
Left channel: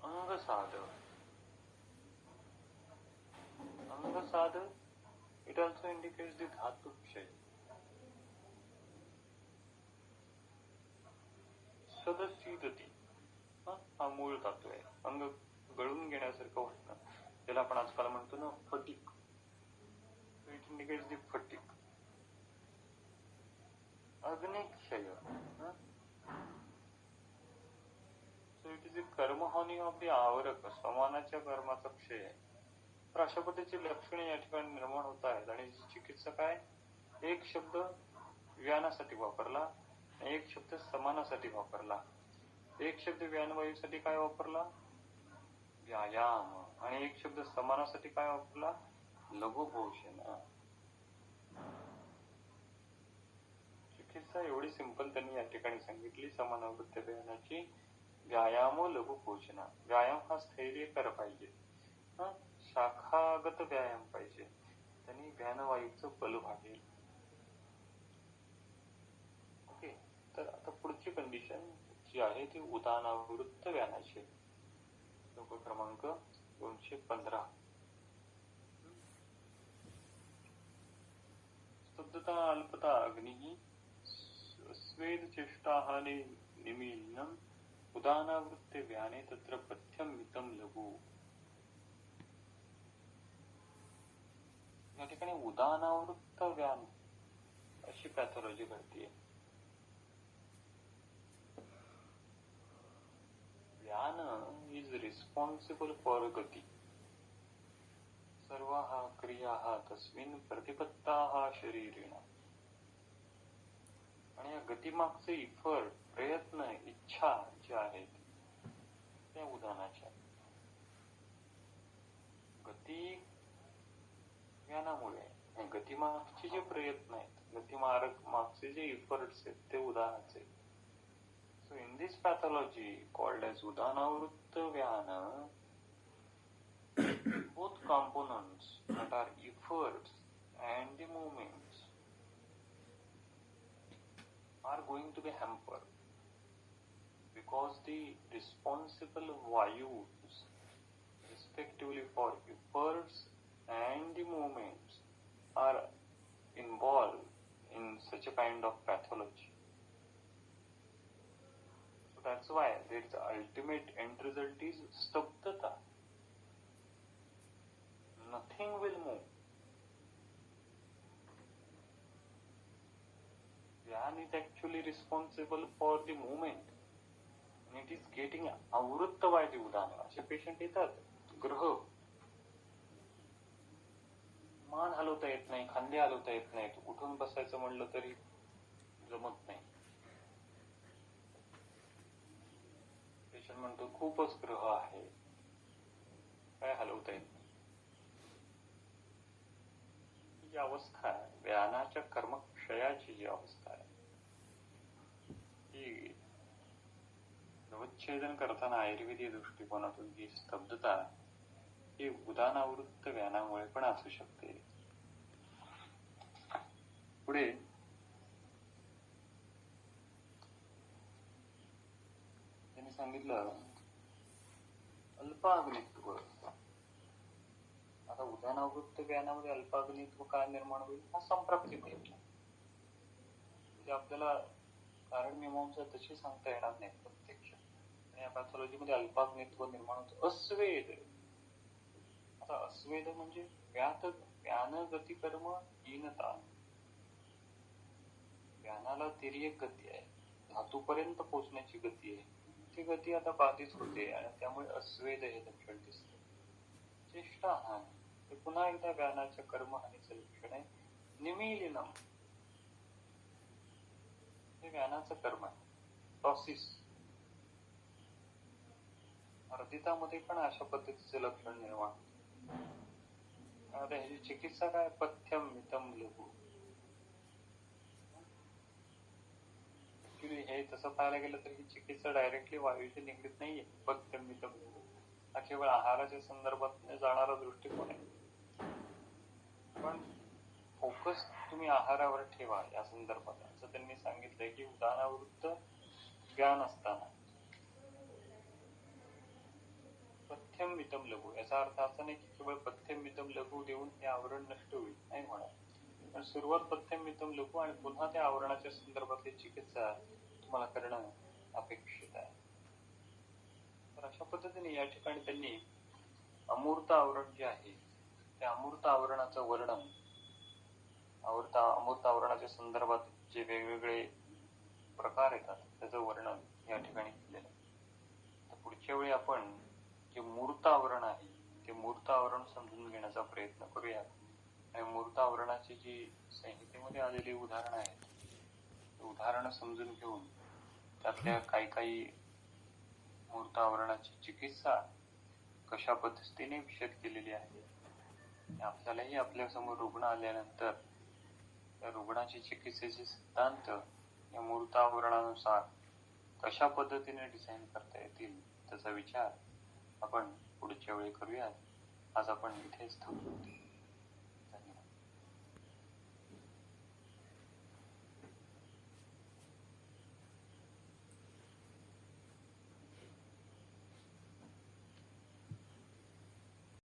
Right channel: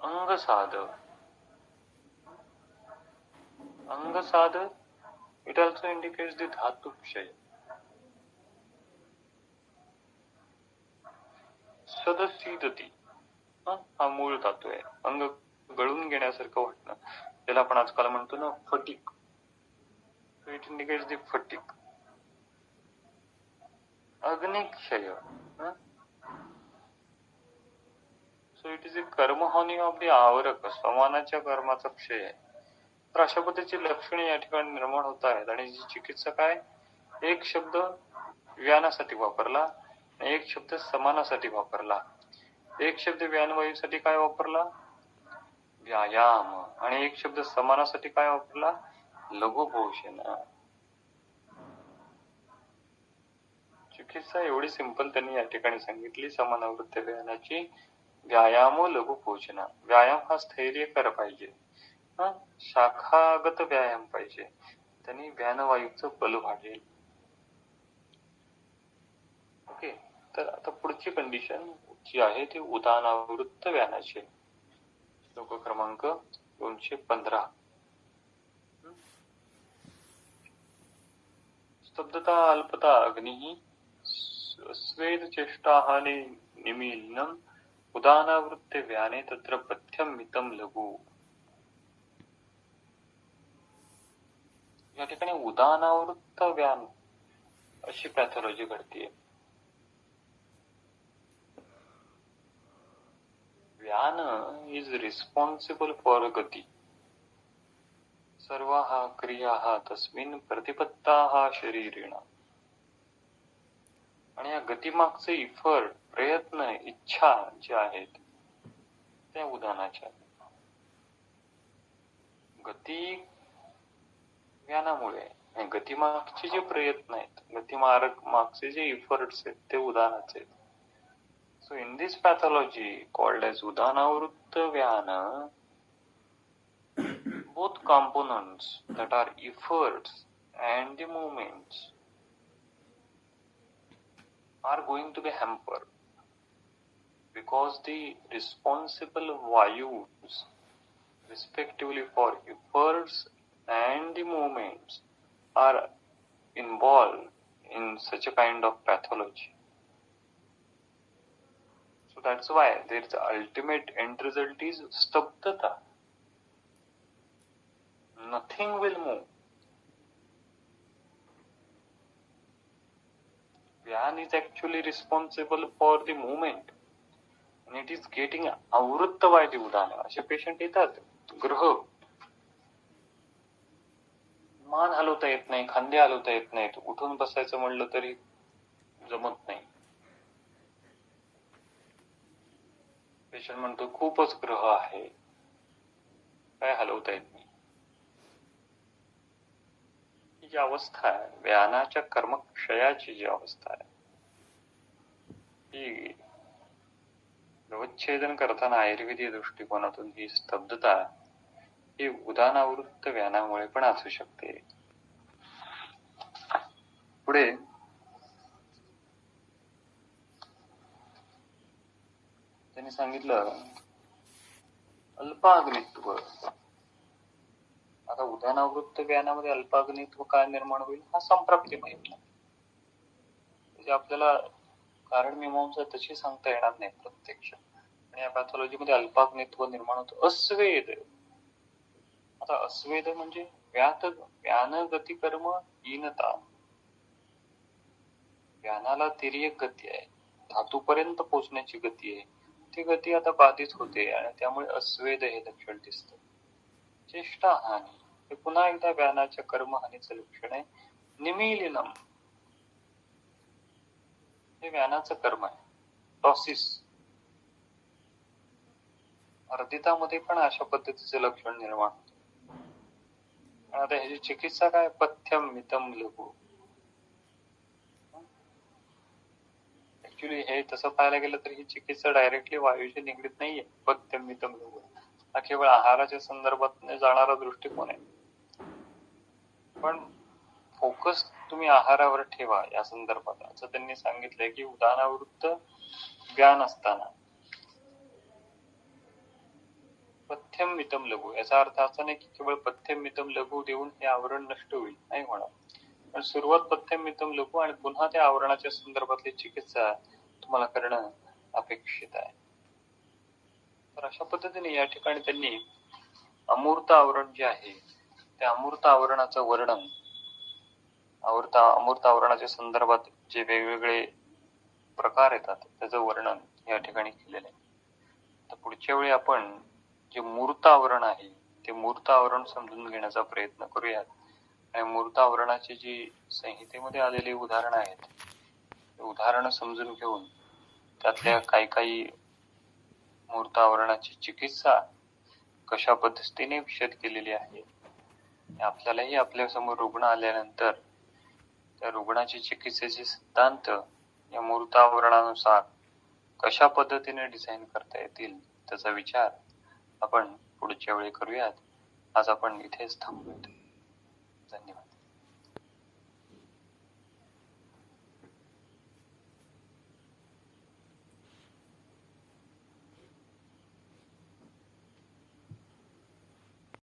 अंगसाद, अंगसाद इट ऑल्सो इंडिकेट्स दी धातुक्षय. सदसीदती हा मूळ धातू आहे. अंग गळून घेण्यासारखं वाटणं, त्याला आपण आजकाल म्हणतो ना fatigue. It indicates the fatigue. अग्निक्षय, सो इट इज ए कर्महानी ऑफ दी आवरक, समानाच्या कर्माचा क्षय आहे. तर अशा पद्धतीची लक्षणे या ठिकाणी निर्माण होत आहेत. आणि चिकित्सा काय, एक शब्द व्यानासाठी वापरला, एक शब्द समानासाठी वापरला. एक शब्द व्यानवायूसाठी काय वापरला, व्यायाम, आणि एक शब्द समानासाठी काय वापरला, लघुपोषण. चिकित्सा एवढी सिंपल त्यांनी या ठिकाणी सांगितली समानावृत्त व्यानाची. व्यायाम लघुपोषण. व्यायाम हा स्थैर्यकर पाहिजे, शाखागत व्यायाम पाहिजे, त्यांनी व्यानवायूचं बल वाढेल. ओके, तर आता पुढची कंडिशन जी आहे ती उदानावृत्त व्यानाची. श्लोक क्रमांक 215. स्तब्धता अल्पता अग्निः स्वेद चेष्टाहानि निमीलनम् उदानावृत्त व्याने तत्र पथ्यम मितम लघु. या ठिकाणी उदानावृत्त व्यान अशी पॅथॉलॉजी घडतीये. व्यान इज रिस्पॉन्सिबल फॉर गती. सर्वाः क्रियाः तस्मिन् प्रतिपत्ताः शरीरेण. आणि या गतीमागचे इफर्ट, प्रयत्न, इच्छा जे आहेत त्या उदानाच्या. गती व्यानामुळे, गतीमागचे जे प्रयत्न आहेत, गतीमार्ग मागचे जे इफर्ट्स आहेत ते उदानाचे आहेत. So in this pathology called as Udanavritta Vyana, both components that are efforts and the movements are going to be hampered because the responsible vayus respectively for efforts and the movements are involved in such a kind of pathology. So that's why the ultimate end result is stabdhata. Nothing will move. Vyan is actually responsible for the movement and it is getting avritta by the udana. असे patient येतात. ग्रह मान हलवता येत नाही, खांदे हलवता येत नाहीत, उठून बसायचं म्हणलं तरी जमत नाही. पेशंट म्हणतो खूपच ग्रह आहे, काय हलवता येत नाही. ही जी अवस्था आहे, व्यानाच्या कर्मक्षयाची जी अवस्था आहे, ही व्यवच्छेदन करताना आयुर्वेदीय दृष्टिकोनातून ही स्तब्धता ही उदानावृत्त व्यानामुळे पण असू शकते. पुढे त्यांनी सांगितलं अल्पाग्नित्व. आता उदानावृत्त व्यानामध्ये अल्पाग्नित्व काय निर्माण होईल हा संप्राप्ती माहिती. म्हणजे आपल्याला कारण मीमांसा तशी सांगता येणार नाही प्रत्यक्ष. आणि या पॅथॉलॉजी मध्ये अल्पाग्नित्व निर्माण होतं. अस्वेद. आता अस्वेद म्हणजे व्यान गती कर्म हीनता. व्यानाला तिर्यक गती आहे, धातूपर्यंत पोहोचण्याची गती आहे, ती गती आता बाधित होते आणि त्यामुळे अस्वेद हे लक्षण दिसतं. चेष्टा हानी हे पुन्हा एकदा व्यानाच्या कर्महानीचं लक्षण आहे. निमीलिनम हे व्यानाचं कर्म आहे. टॉसिस अर्दितामध्ये पण अशा पद्धतीचे लक्षण निर्माण होते. आता ह्याची चिकित्सा काय? पथ्यम मितम लघु. ऍक्च्युली हे तसं पाहायला गेलं तर ही चिकित्सा डायरेक्टली वायूशी निगडीत नाहीये. पथ्यम मितम लघु हा केवळ आहाराच्या संदर्भात जाणारा दृष्टिकोन आहे. पण फोकस तुम्ही आहारावर ठेवा या संदर्भात असं त्यांनी सांगितलंय की उदानावृत्त ज्ञान असताना पथ्यम मितम लघु याचा अर्थ असा नाही की केवळ पथ्यम मितम लघु देऊन हे आवरण नष्ट होईल, नाही होणार. पण सुरुवात पथ्यम मितम लघु आणि पुन्हा त्या आवरणाच्या संदर्भातली चिकित्सा तुम्हाला करणं अपेक्षित आहे. तर अशा पद्धतीने या ठिकाणी त्यांनी अमूर्त आवरण जे आहे त्या अमूर्त आवरणाचं वर्णन, अमूर्त आवरणाच्या संदर्भात जे वेगवेगळे प्रकार येतात त्याचं वर्णन या ठिकाणी केलेलं आहे. तर पुढच्या वेळी आपण जे मूर्त आवरण आहे ते मूर्त आवरण समजून घेण्याचा प्रयत्न करूयात. आणि मूर्त आवरणाची जी संहितेमध्ये आलेली उदाहरणं आहेत उदाहरणं समजून घेऊन त्यातल्या काही मूर्त आवरणाची चिकित्सा कशा पद्धतीने विशद केलेली आहे. आपल्यालाही आपल्या समोर रुग्ण आल्यानंतर त्या रुग्णाची चिकित्सेचे सिद्धांत या मूर्त आवरणानुसार कशा पद्धतीने डिझाईन करता येतील त्याचा विचार आपण पुढच्या वेळी करूयात. आज आपण इथेच थांबूयात. धन्यवाद.